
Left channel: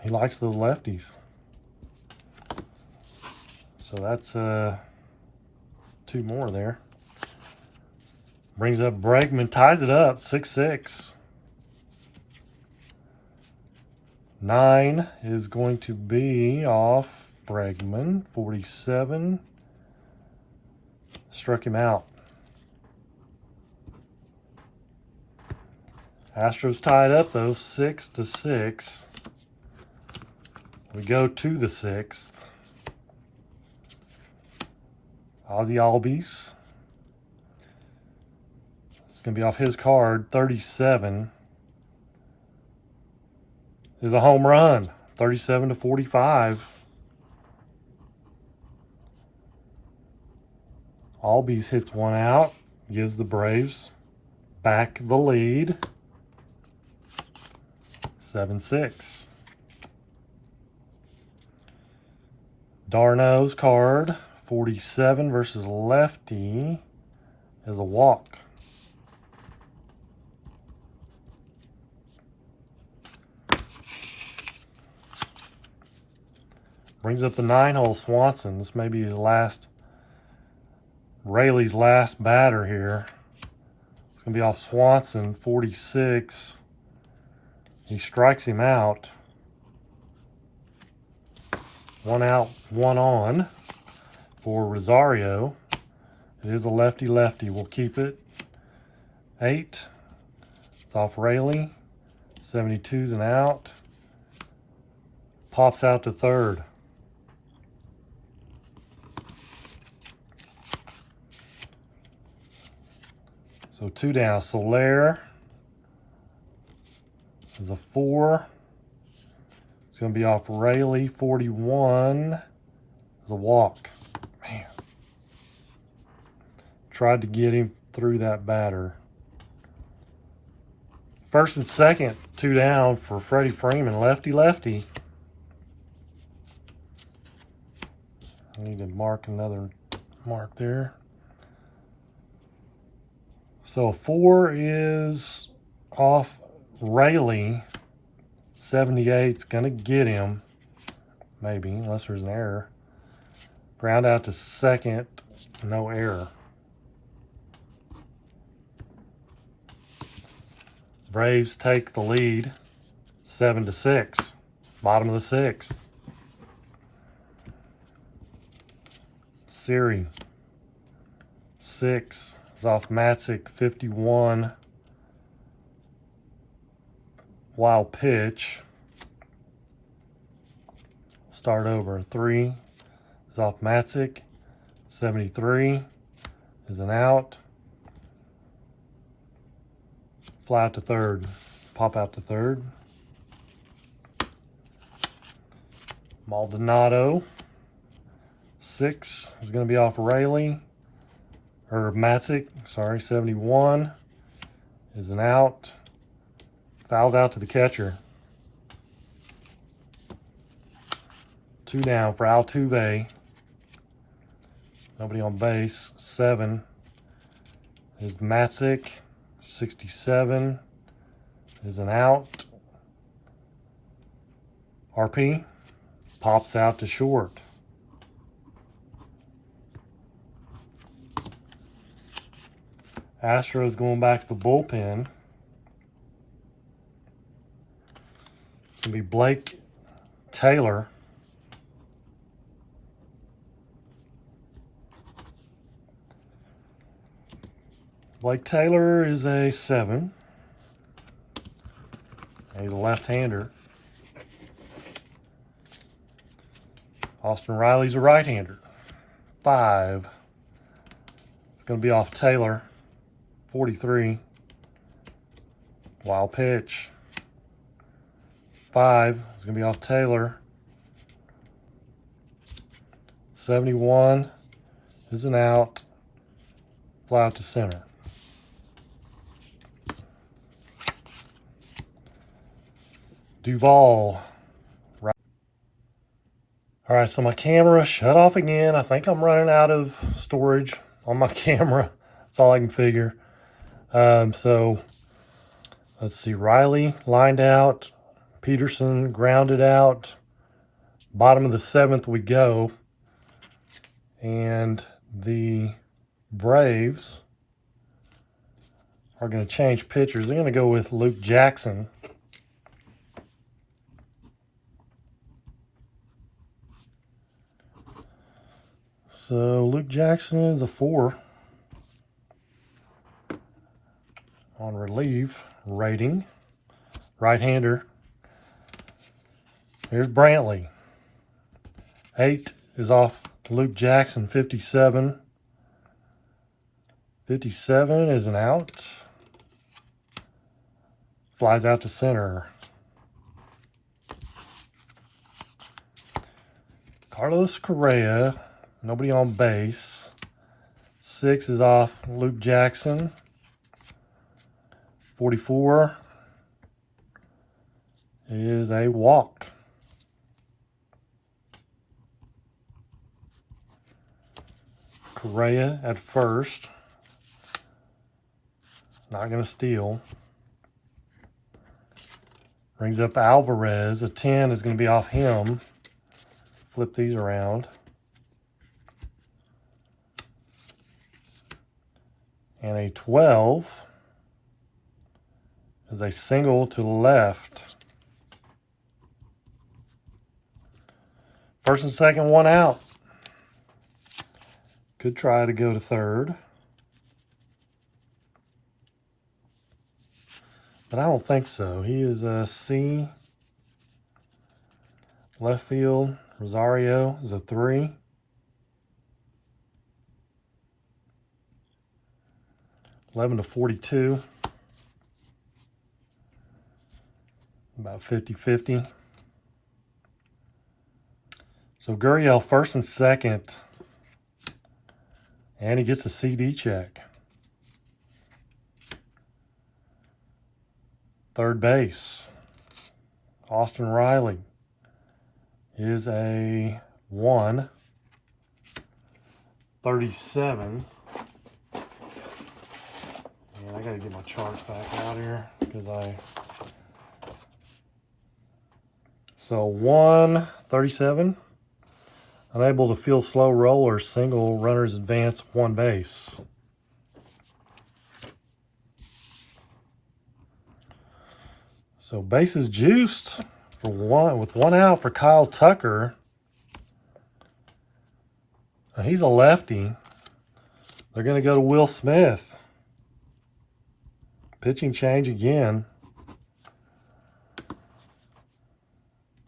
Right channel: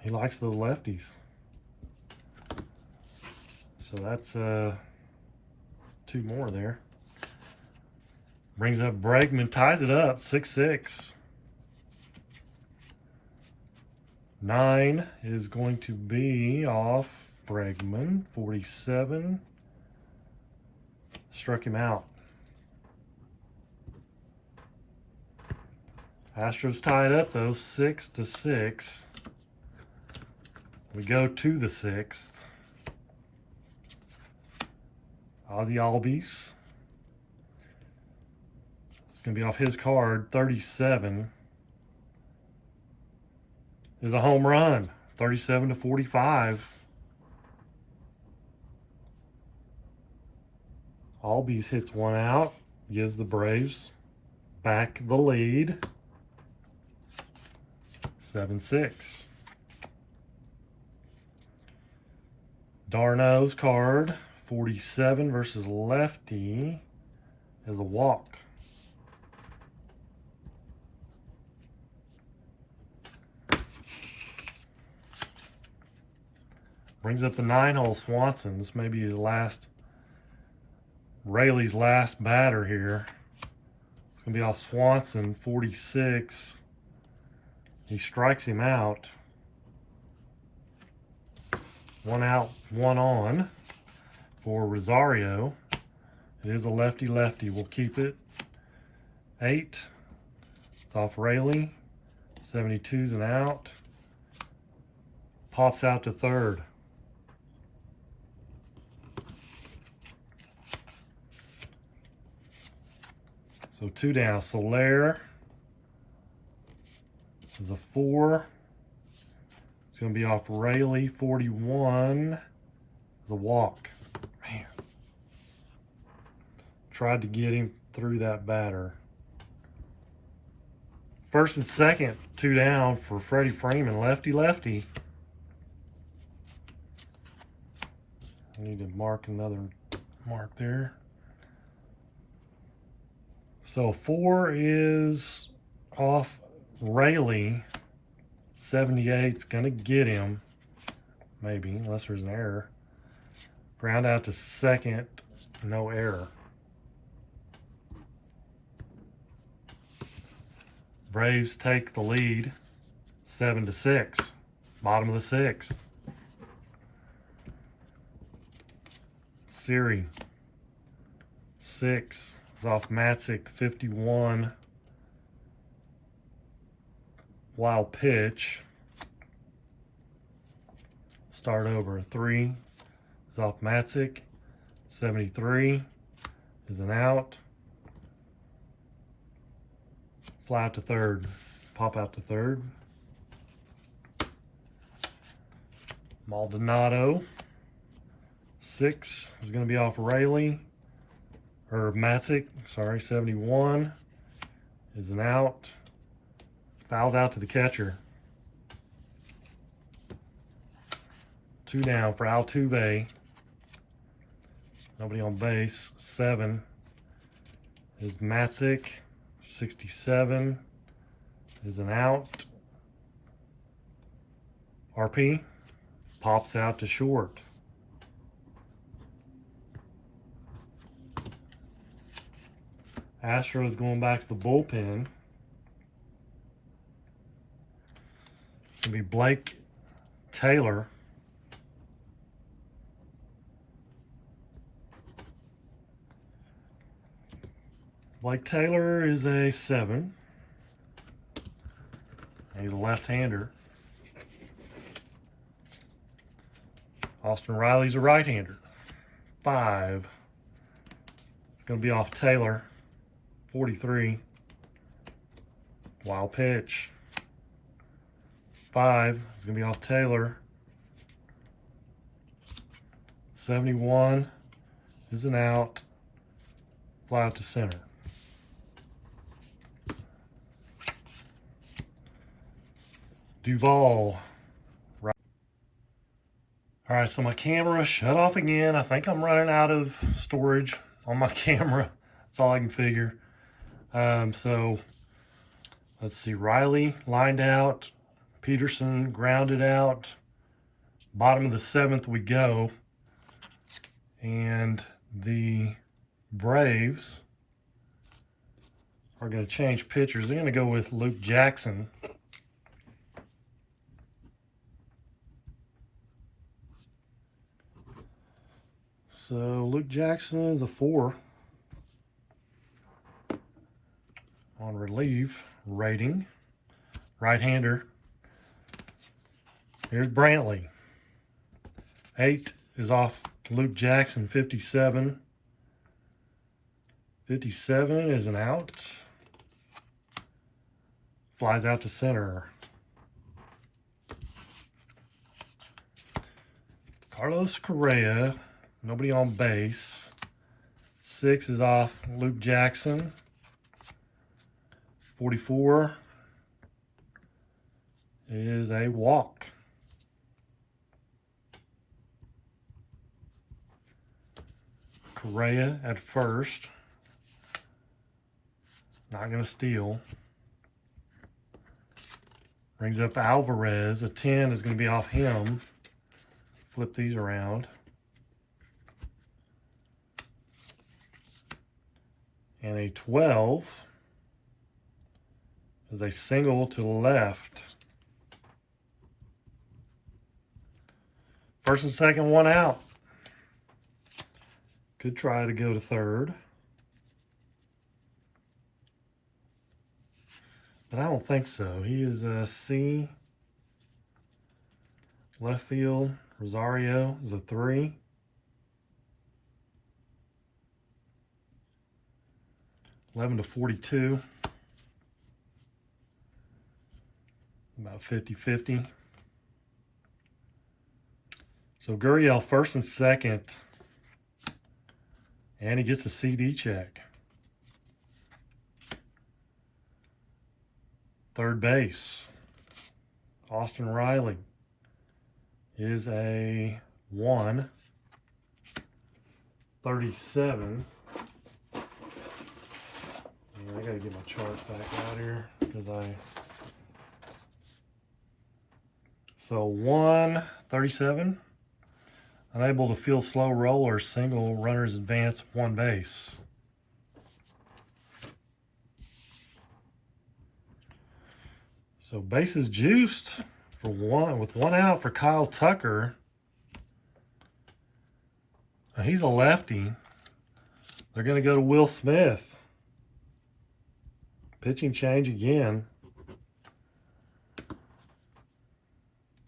He likes those lefties. So that's 2 more there. Brings up Bregman, ties it up, 6-6. 9 is going to be off Bregman, 47. Struck him out. Astros tied up though, 6-6. We go to the 6th. Ozzy Albies. It's going to be off his card, 37. Is a home run, 37 to 45. Albies hits one out, gives the Braves back the lead. 7-6. Darno's card, 47 versus lefty, is a walk. Brings up the 9-hole Swanson. This may be his last, Raley's last batter here. It's going to be off Swanson, 46. He strikes him out. 1 out, 1 on for Rosario. It is a lefty-lefty. We'll keep it. 8. It's off Raley. 72's an out. Pops out to third. So 2 down. Soler is a 4. It's going to be off Raley. 41 is a walk. Man. Tried to get him through that batter. First and second, 2 down for Freddie Freeman. Lefty-lefty. I need to mark another mark there. So 4 is off Raley. 78's going to get him. Maybe, unless there's an error. Ground out to second. No error. Braves take the lead. 7-6. Bottom of the 6th. Siri. 6 is off Matzik, 51. Wild pitch. Start over. 3 is off Matzik, 73 is an out. Fly out to third. Pop out to third. Maldonado, 6 is going to be off Rayleigh, or Matzik, sorry, 71 is an out. Fouls out to the catcher. 2 down for Altuve. Nobody on base. 7 is Matzik, 67 is an out. RP pops out to short. Astros going back to the bullpen. It's going to be Blake Taylor. Blake Taylor is a 7. He's a left-hander. Austin Riley's a right-hander. 5. It's going to be off Taylor. 43. Wild pitch. 5 is going to be off Taylor. 71 is an out. Fly out to center. Duvall. All right, so my camera shut off again. I think I'm running out of storage on my camera. That's all I can figure. So let's see. Riley lined out. Peterson grounded out. Bottom of the 7th we go. And the Braves are going to change pitchers. They're going to go with Luke Jackson. So Luke Jackson is a 4 on relief rating. Right-hander. Here's Brantley. 8 is off Luke Jackson, 57. 57 is an out. Flies out to center. Carlos Correa. Nobody on base. 6 is off Luke Jackson. 44 is a walk. Correa at first. Not going to steal. Brings up Alvarez. A 10 is going to be off him. Flip these around. And a 12 is a single to the left. First and second, 1 out. Could try to go to third. But I don't think so. He is a C. Left field, Rosario is a 3. $11 to 42. About 50-50. So Gurriel first and second. And he gets a CD check. Third base. Austin Riley is a 1. 37. I gotta get my charts back out here because So 137. Unable to field slow roller, single, runners advance, 1 base. So bases juiced for 1 with 1 out for Kyle Tucker. Now he's a lefty. They're going to go to Will Smith. Pitching change again.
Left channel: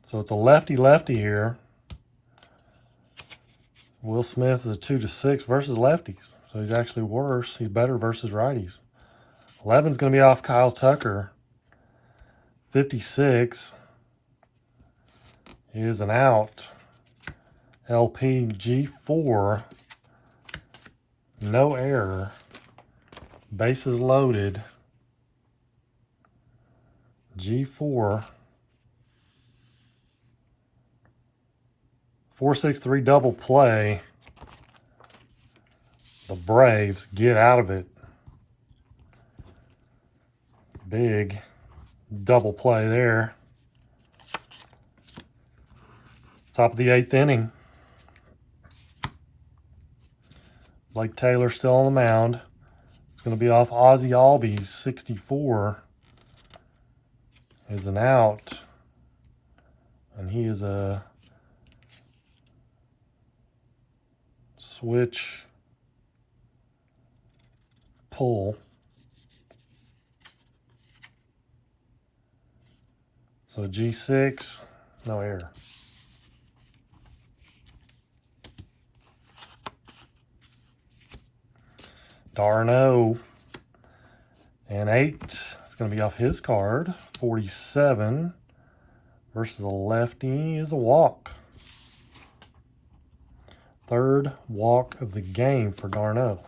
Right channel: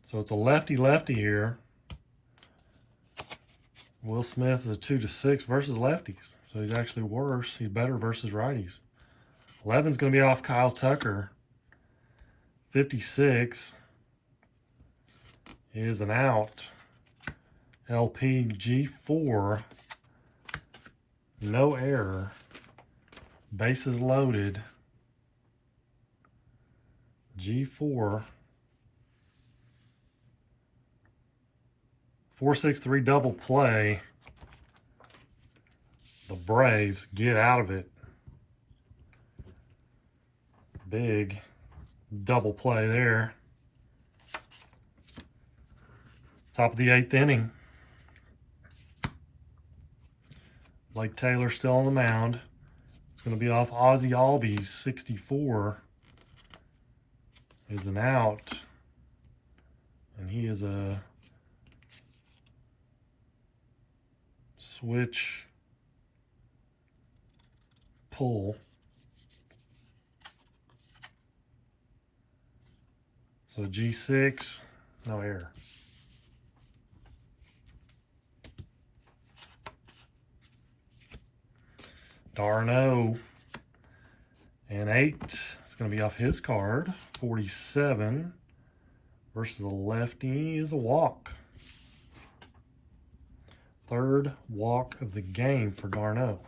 So it's a lefty-lefty here. Will Smith is a 2-6 versus lefties. So he's actually worse. He's better versus righties. 11's going to be off Kyle Tucker. 56 is an out. LPG4. No error. Bases loaded. G4. 4-6-3 double play. The Braves get out of it. Big double play there. Top of the 8th inning. Blake Taylor still on the mound. It's going to be off Ozzie Albies. 64 is an out. And he is a switch pull. So G6, no error. Darno and 8. It's going to be off his card. 47 versus a lefty is a walk. 3rd walk of the game for Darno.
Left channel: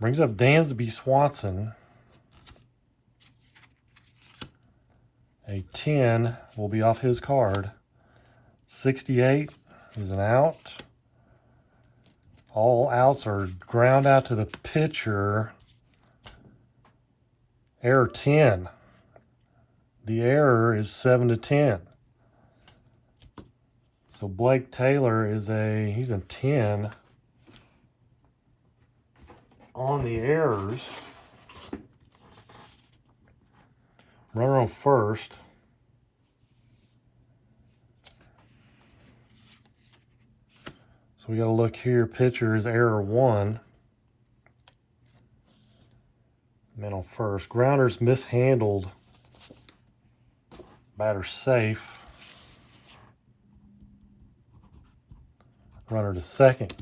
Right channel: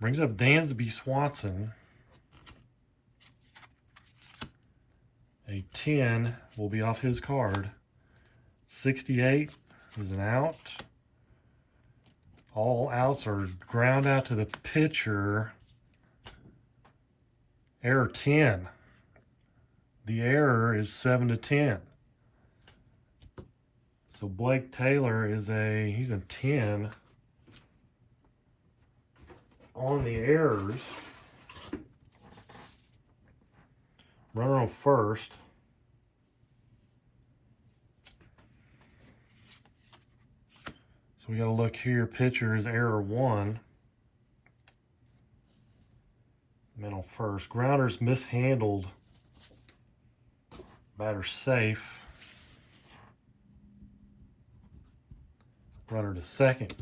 Brings up Dansby Swanson. A 10 will be off his card. 68 is an out. All outs are ground out to the pitcher. Error 10. The error is 7-10. So Blake Taylor he's a 10 on the errors. Runner on first. So we got to look here. Pitcher is error 1. Man on first. Grounder's mishandled. Batter safe. Runner to second.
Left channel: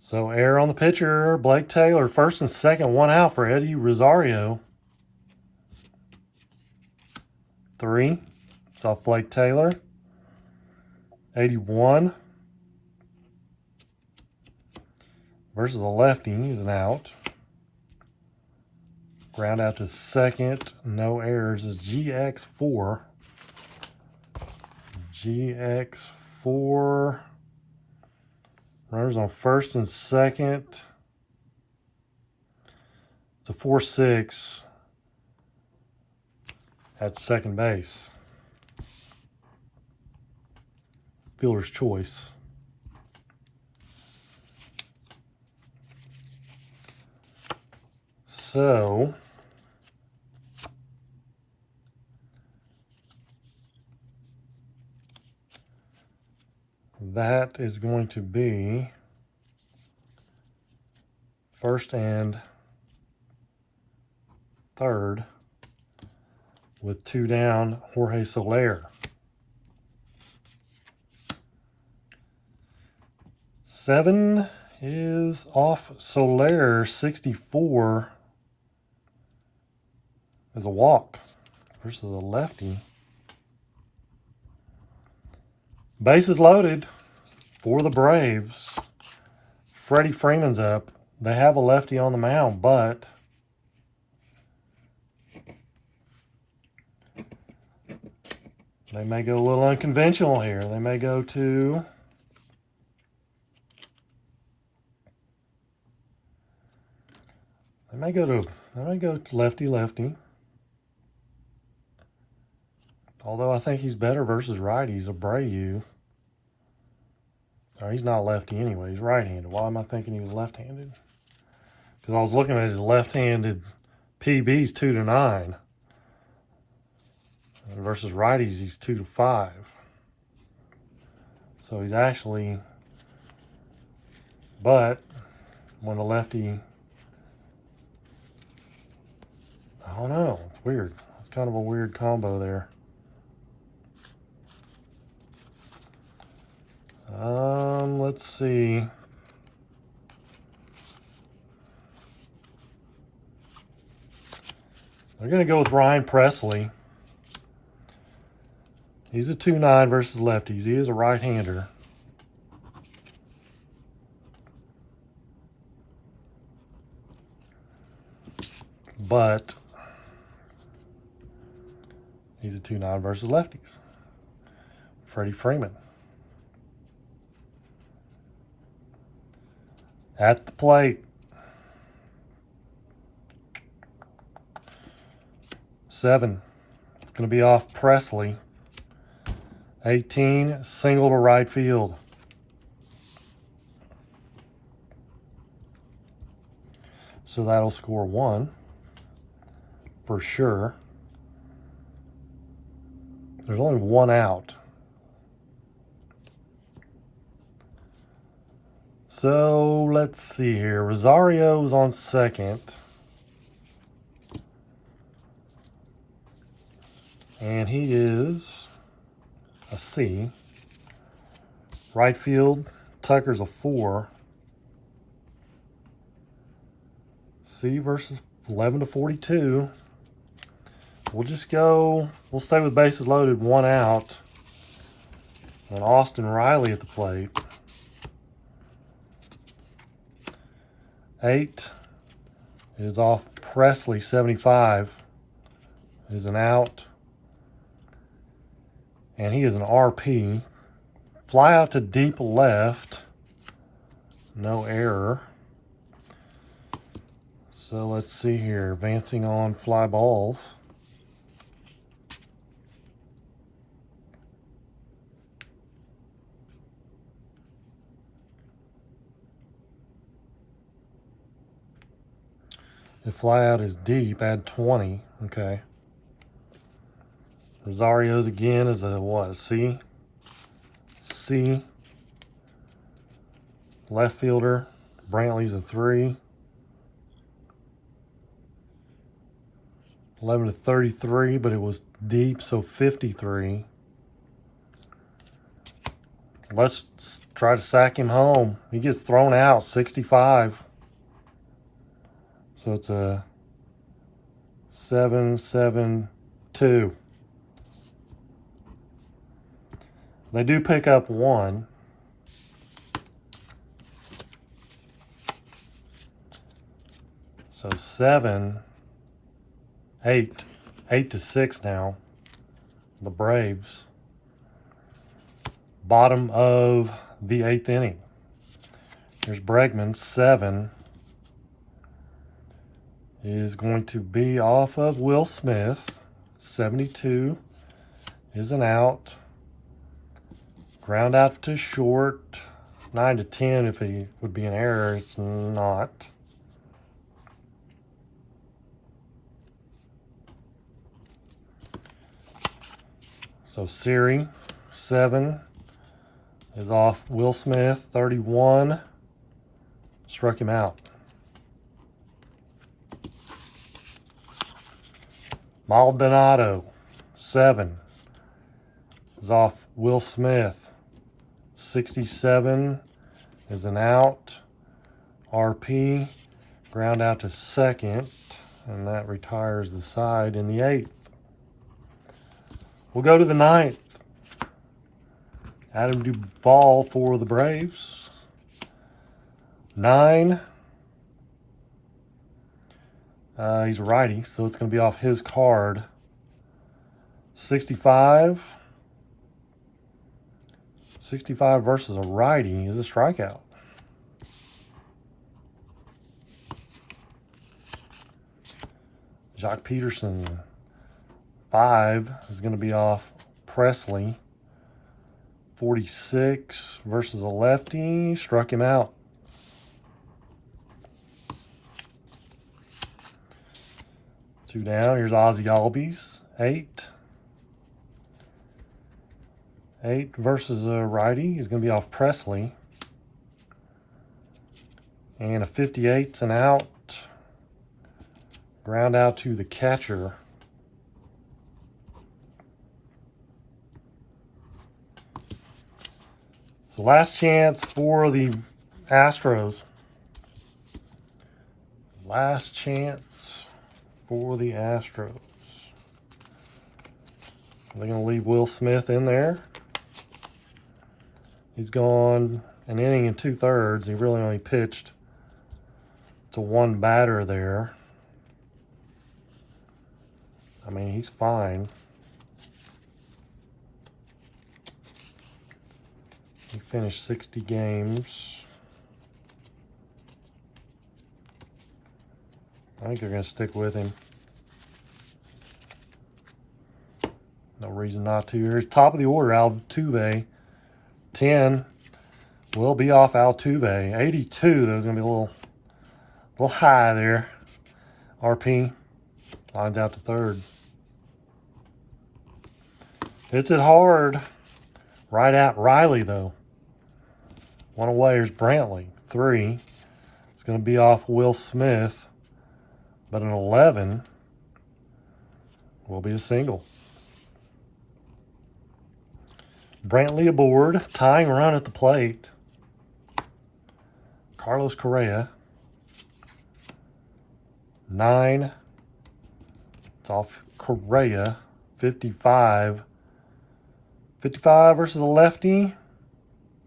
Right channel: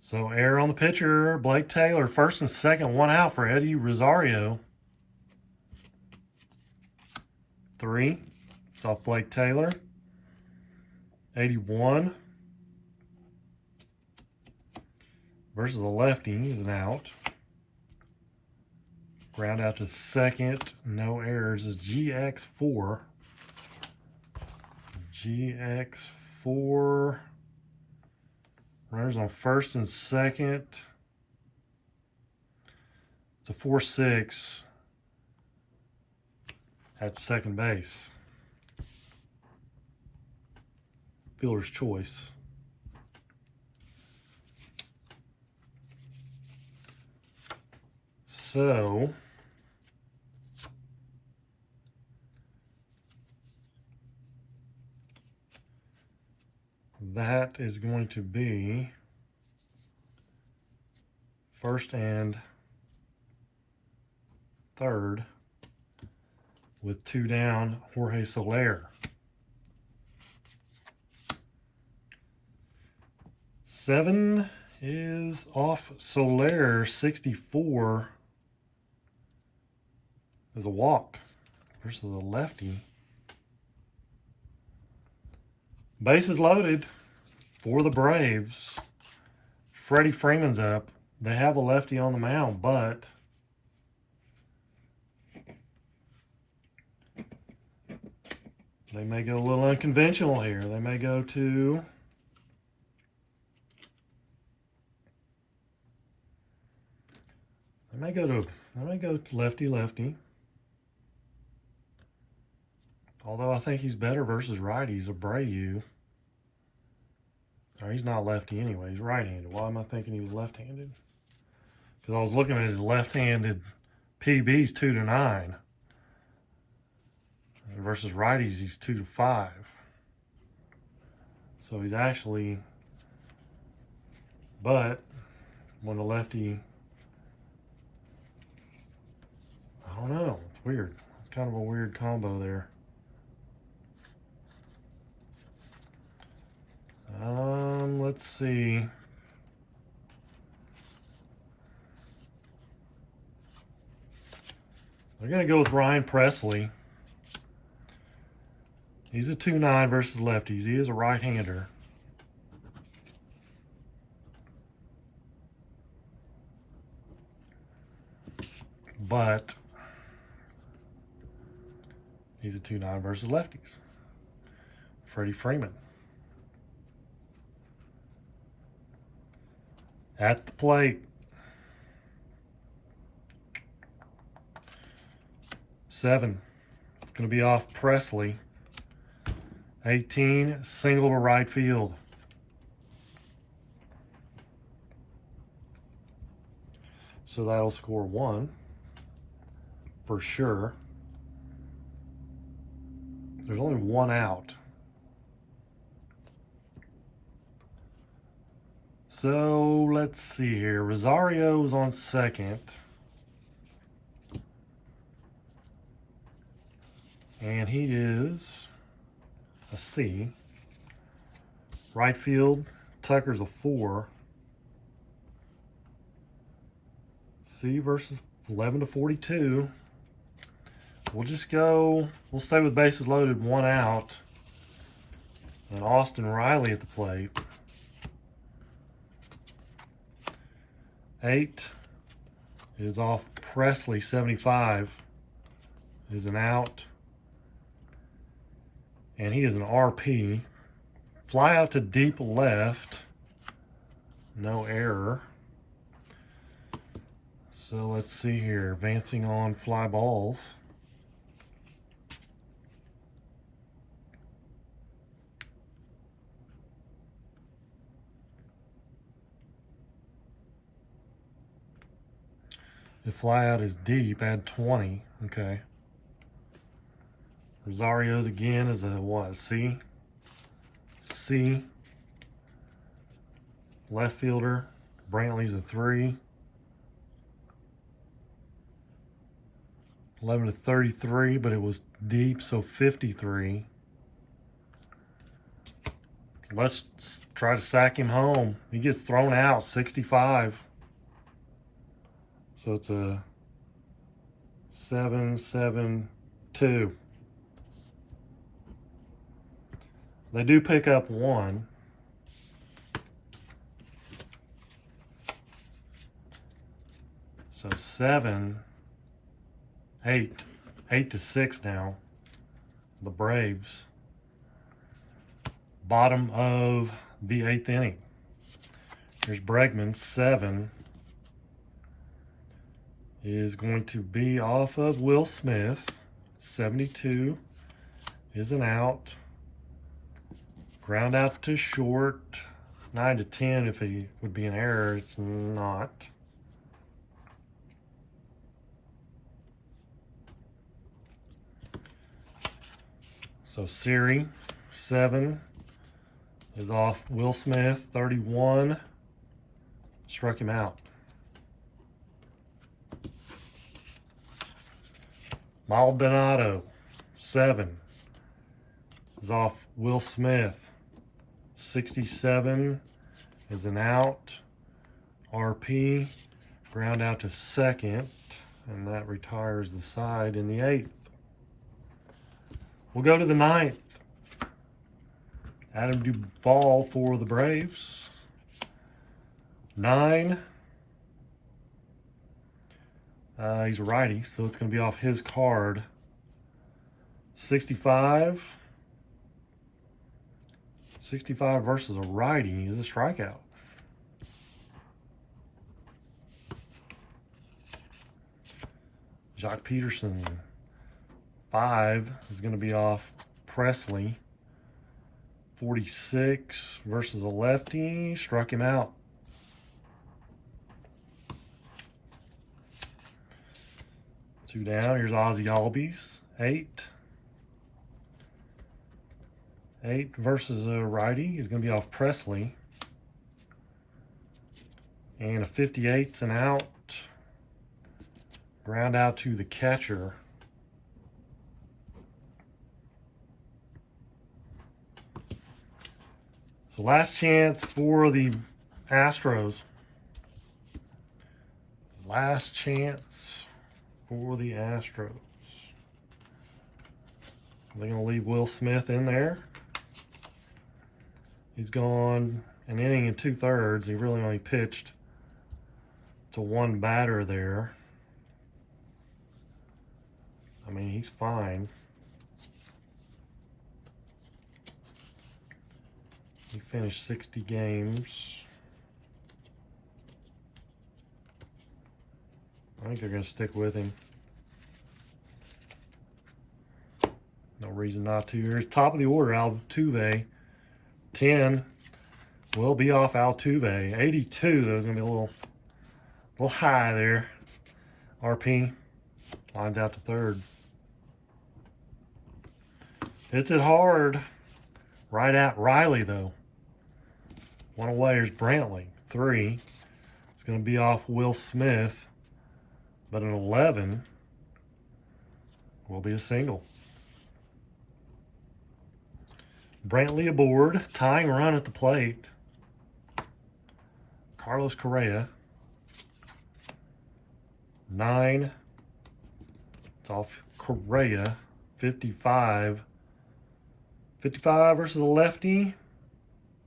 So error on the pitcher. Blake Taylor. First and second. 1 out for Eddie Rosario. 3. It's off Blake Taylor. 81 versus a lefty is an out. Ground out to second. No errors is GX4. GX4. Runners on first and second. It's a 4-6 at second base. Fielder's choice. So that is going to be first and third with 2 down, Jorge Soler. 7 is off Soler. 64 is a walk versus a lefty. Bases loaded for the Braves. Freddie Freeman's up. They have a lefty on the mound, but they may go a little unconventional here. They may go to lefty-lefty. Although I think he's better versus righties. Abreu. Oh, he's not lefty anyway. He's right-handed. Why am I thinking he was left-handed? Because I was looking at his left-handed PBs 2-9. Versus righties, he's 2-5. So he's actually, but when the lefty, I don't know, it's weird. It's kind of a weird combo there. Let's see. We're going to go with Ryan Presley. He's a 2-9 versus lefties. He is a right-hander. But he's a 2-9 versus lefties. Freddie Freeman. At the plate. 7. It's going to be off Presley. 18, single to right field. So that'll score 1 for sure. There's only 1 out. So let's see here. Rosario's on second. And he is a C. Right field, Tucker's a 4. C versus 11 to 42. We'll just go, we'll stay with bases loaded, 1 out. And Austin Riley at the plate. 8 is off Presley, 75. Is an out. And he is an RP. Fly out to deep left. No error. So let's see here. Advancing on fly balls. If fly out is deep, add 20. Okay. Rosario's again is a what? A C? C. Left fielder. Brantley's a 3. 11 to 33, but it was deep, so 53. Let's try to sack him home. He gets thrown out, 65. So it's a 7-7-2. They do pick up 1. So 7, 8, 8 to 6 now. The Braves. Bottom of the 8th inning. Here's Bregman, 7. Is going to be off of Will Smith. 72 is an out. Ground out to short. 9 to 10 if it would be an error. It's not. So Siri, 7 is off Will Smith. 31 struck him out. Maldonado, 7 is off Will Smith. 67 is an out. RP, ground out to second, and that retires the side in the 8th. We'll go to the 9th. Adam Duvall for the Braves. 9. He's a righty, so it's going to be off his card. 65. 65 versus a righty is a strikeout. Jock Peterson, 5 is going to be off Presley. 46 versus a lefty, struck him out. Two down. Here's Ozzie Albies, 8. 8 versus a righty is going to be off Presley. And a 58's an out. Ground out to the catcher. So last chance for the Astros. Last chance for the Astros. They're going to leave Will Smith in there. He's gone an inning and 2/3. He really only pitched to one batter there. I mean, he's fine. He finished 60 games. I think they're going to stick with him. No reason not to. Here's top of the order, Altuve. 10 will be off Altuve. 82, there's going to be a little high there. RP lines out to third. Hits it hard. Right at Riley, though. One away. Here's Brantley. 3. It's going to be off Will Smith. But an 11 will be a single. Brantley aboard. Tying run at the plate. Carlos Correa. 9. It's off Correa. 55. 55 versus a lefty.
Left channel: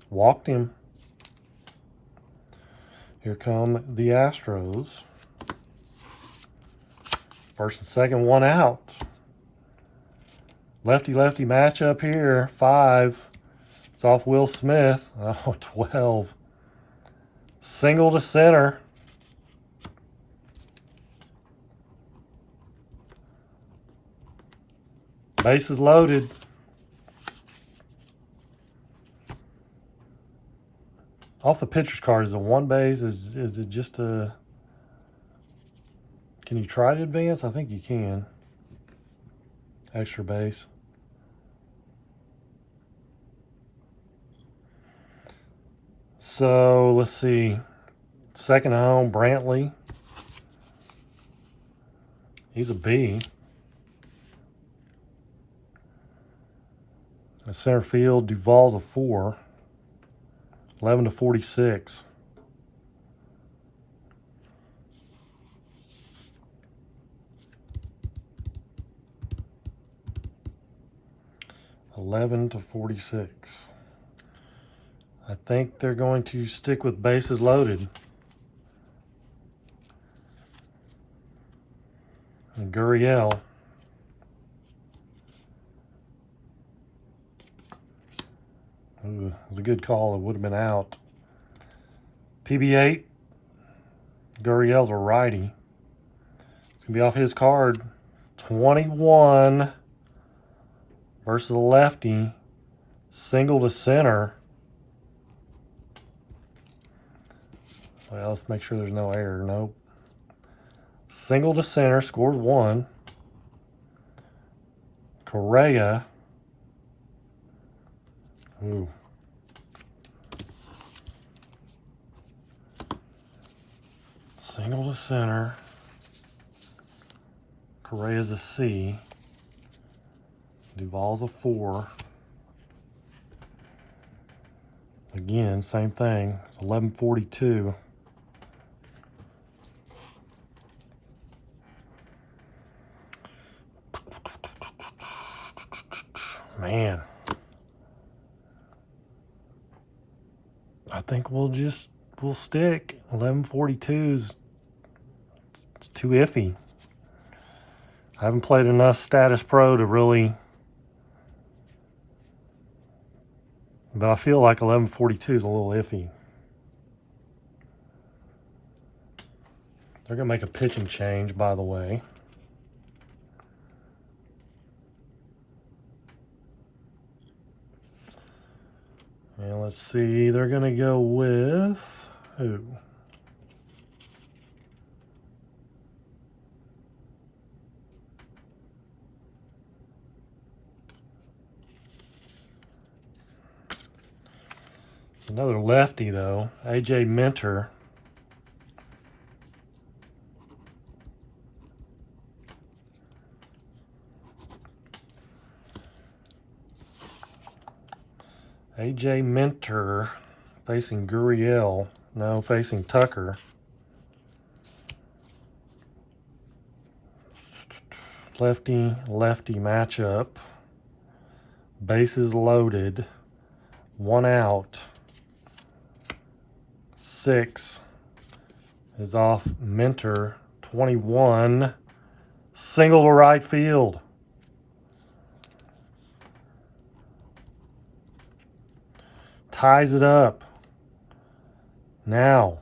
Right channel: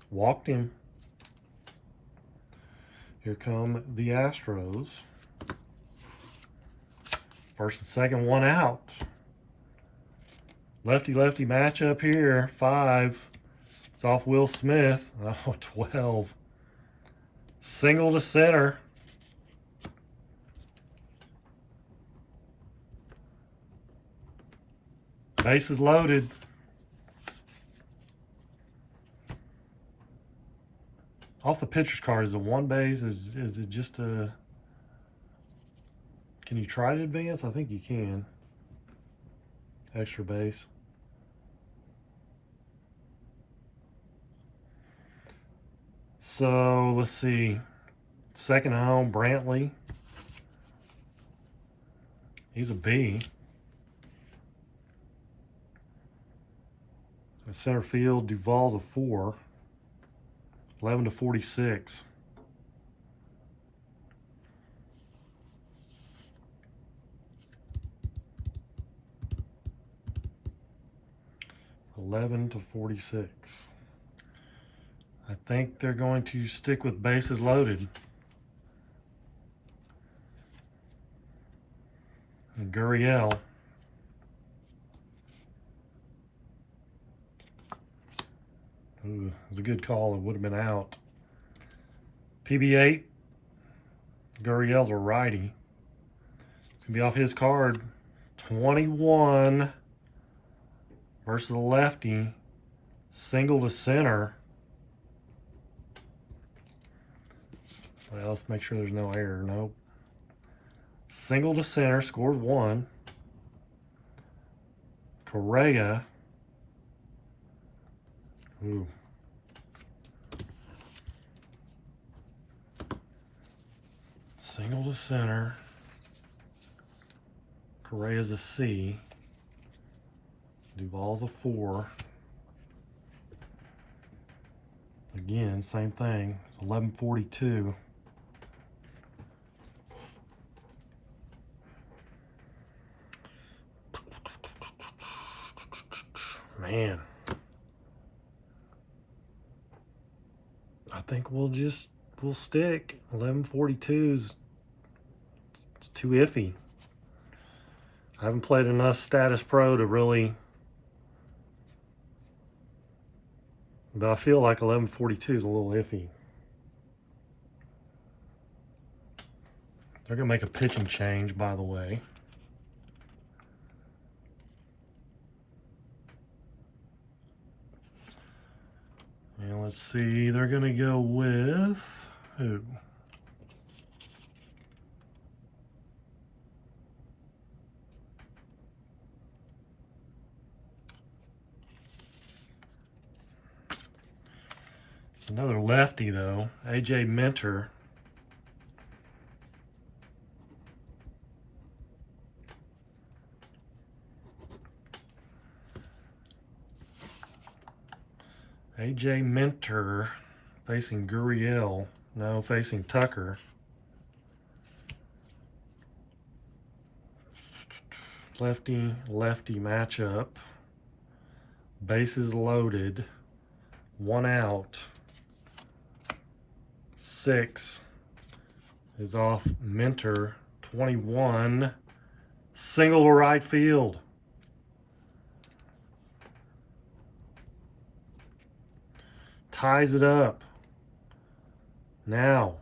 Walked him. Here come the Astros. First and second, one out. Lefty-lefty matchup here. 5. It's off Will Smith. Oh, 12. Single to center. Bases loaded. Off the pitcher's card, is it one base? Is it just a... Can you try to advance? I think you can. Extra base. So, let's see. Second home, Brantley. He's a B. At center field, Duvall's a 4. 11 to 46. I think they're going to stick with bases loaded. And Gurriel. Ooh, it was a good call. It would have been out. PB8. Gurriel's a righty. It's going to be off his card. 21 versus the lefty. Single to center. Well, let's make sure there's no error. Nope. Single to center. Scores 1. Correa. Ooh. Single to center. Correa's a C. Duvall's a 4. Again, same thing. It's 11:42. Man. I think we'll stick. 11:42 is too iffy. I haven't played enough Statis Pro to really, but I feel like 11:42 is a little iffy. They're going to make a pitching change, by the way. And let's see, they're going to go with who? Another lefty, though. AJ Minter. AJ Minter facing Gurriel. No, facing Tucker. Lefty-lefty matchup. Bases loaded. 1 out. 6 is off Minter. 21. Single to right field. Ties it up. Now,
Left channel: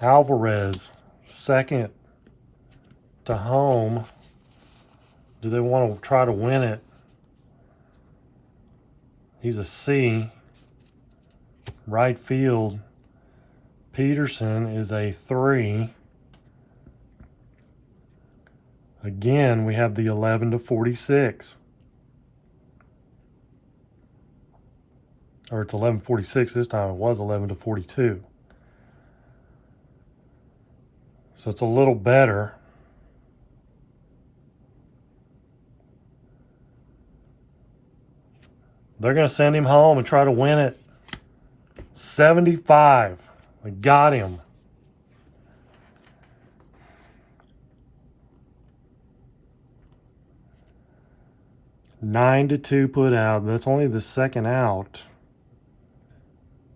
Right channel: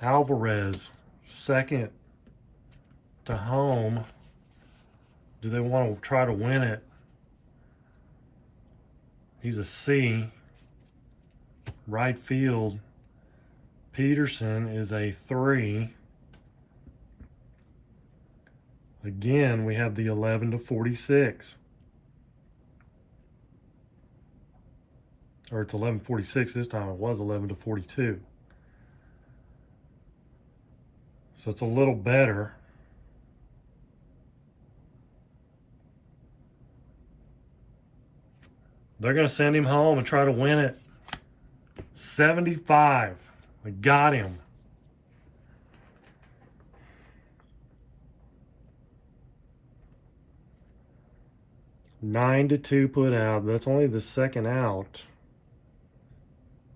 Alvarez, second to home. Do they want to try to win it? He's a C. Right field. Peterson is a 3. Again, we have the 11 to 46. Or it's 11:46 this time. It was 11 to 42. So it's a little better. They're going to send him home and try to win it. 75. We got him. Nine to 2 put out. That's only the second out.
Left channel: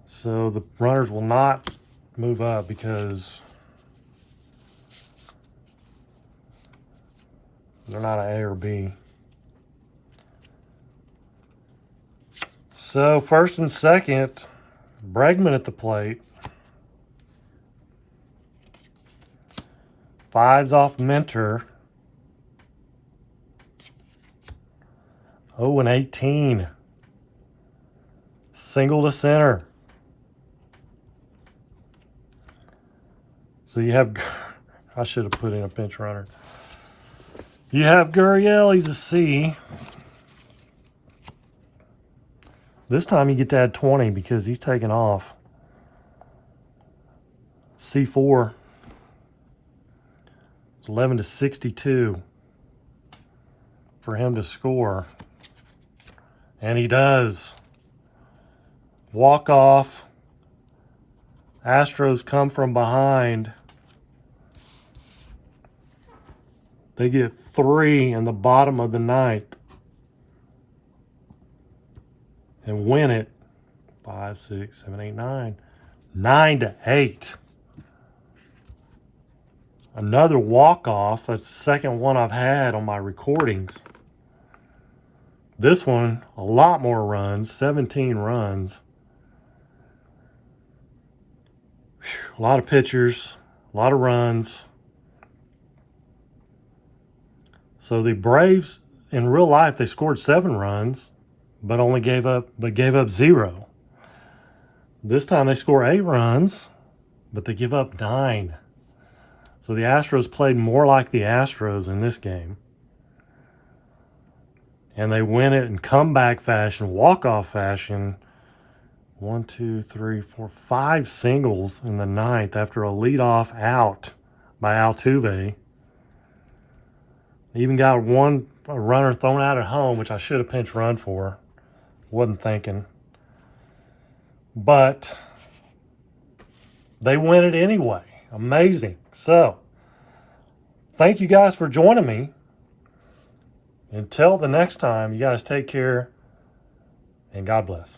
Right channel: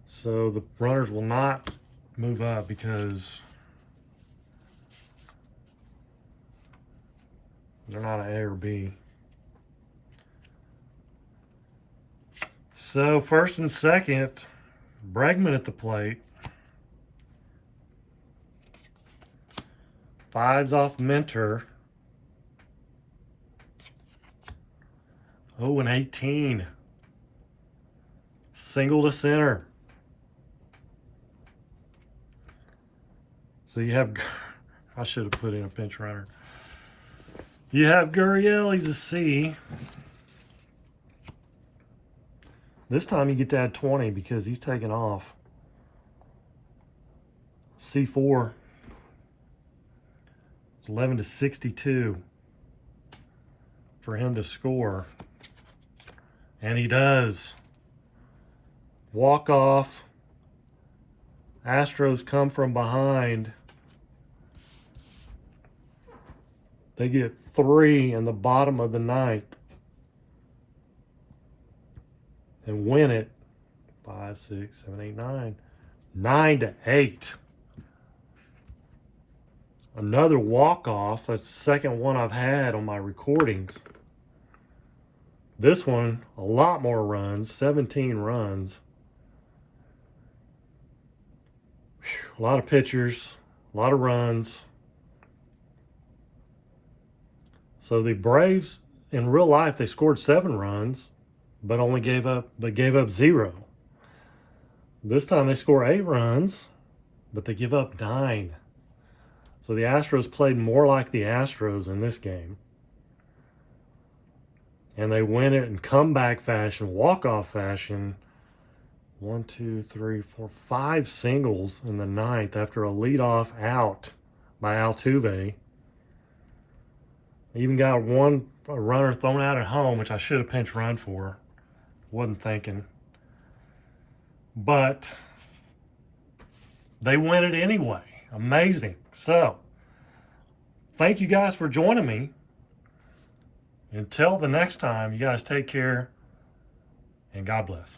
So the runners will not move up because they're not an A or B. So first and second, Bregman at the plate. 5's off Minter. 0 and 18. Single to center. So you have, I should have put in a pinch runner. You have Gurriel, he's a C. This time you get to add 20 because he's taking off. C4. It's 11 to 62 for him to score. And he does. Walk off. Astros come from behind. They get 3 in the bottom of the ninth. And win it. 5, 6, 7, 8, 9. 9 to 8. Another walk-off. That's the second one I've had on my recordings. This one, a lot more runs. 17 runs. Whew, a lot of pitchers. A lot of runs. So the Braves, in real life, they scored 7 runs, but only gave up 0. This time they score 8 runs, but they give up 9. So the Astros played more like the Astros in this game. And they win it in comeback fashion, walk-off fashion. 1, 2, 3, 4, 5 singles in the ninth after a leadoff out by Altuve. Even got a runner thrown out at home, which I should have pinch run for. Wasn't thinking. But they win it anyway. Amazing. So, thank you guys for joining me. Until the next time, you guys take care and God bless.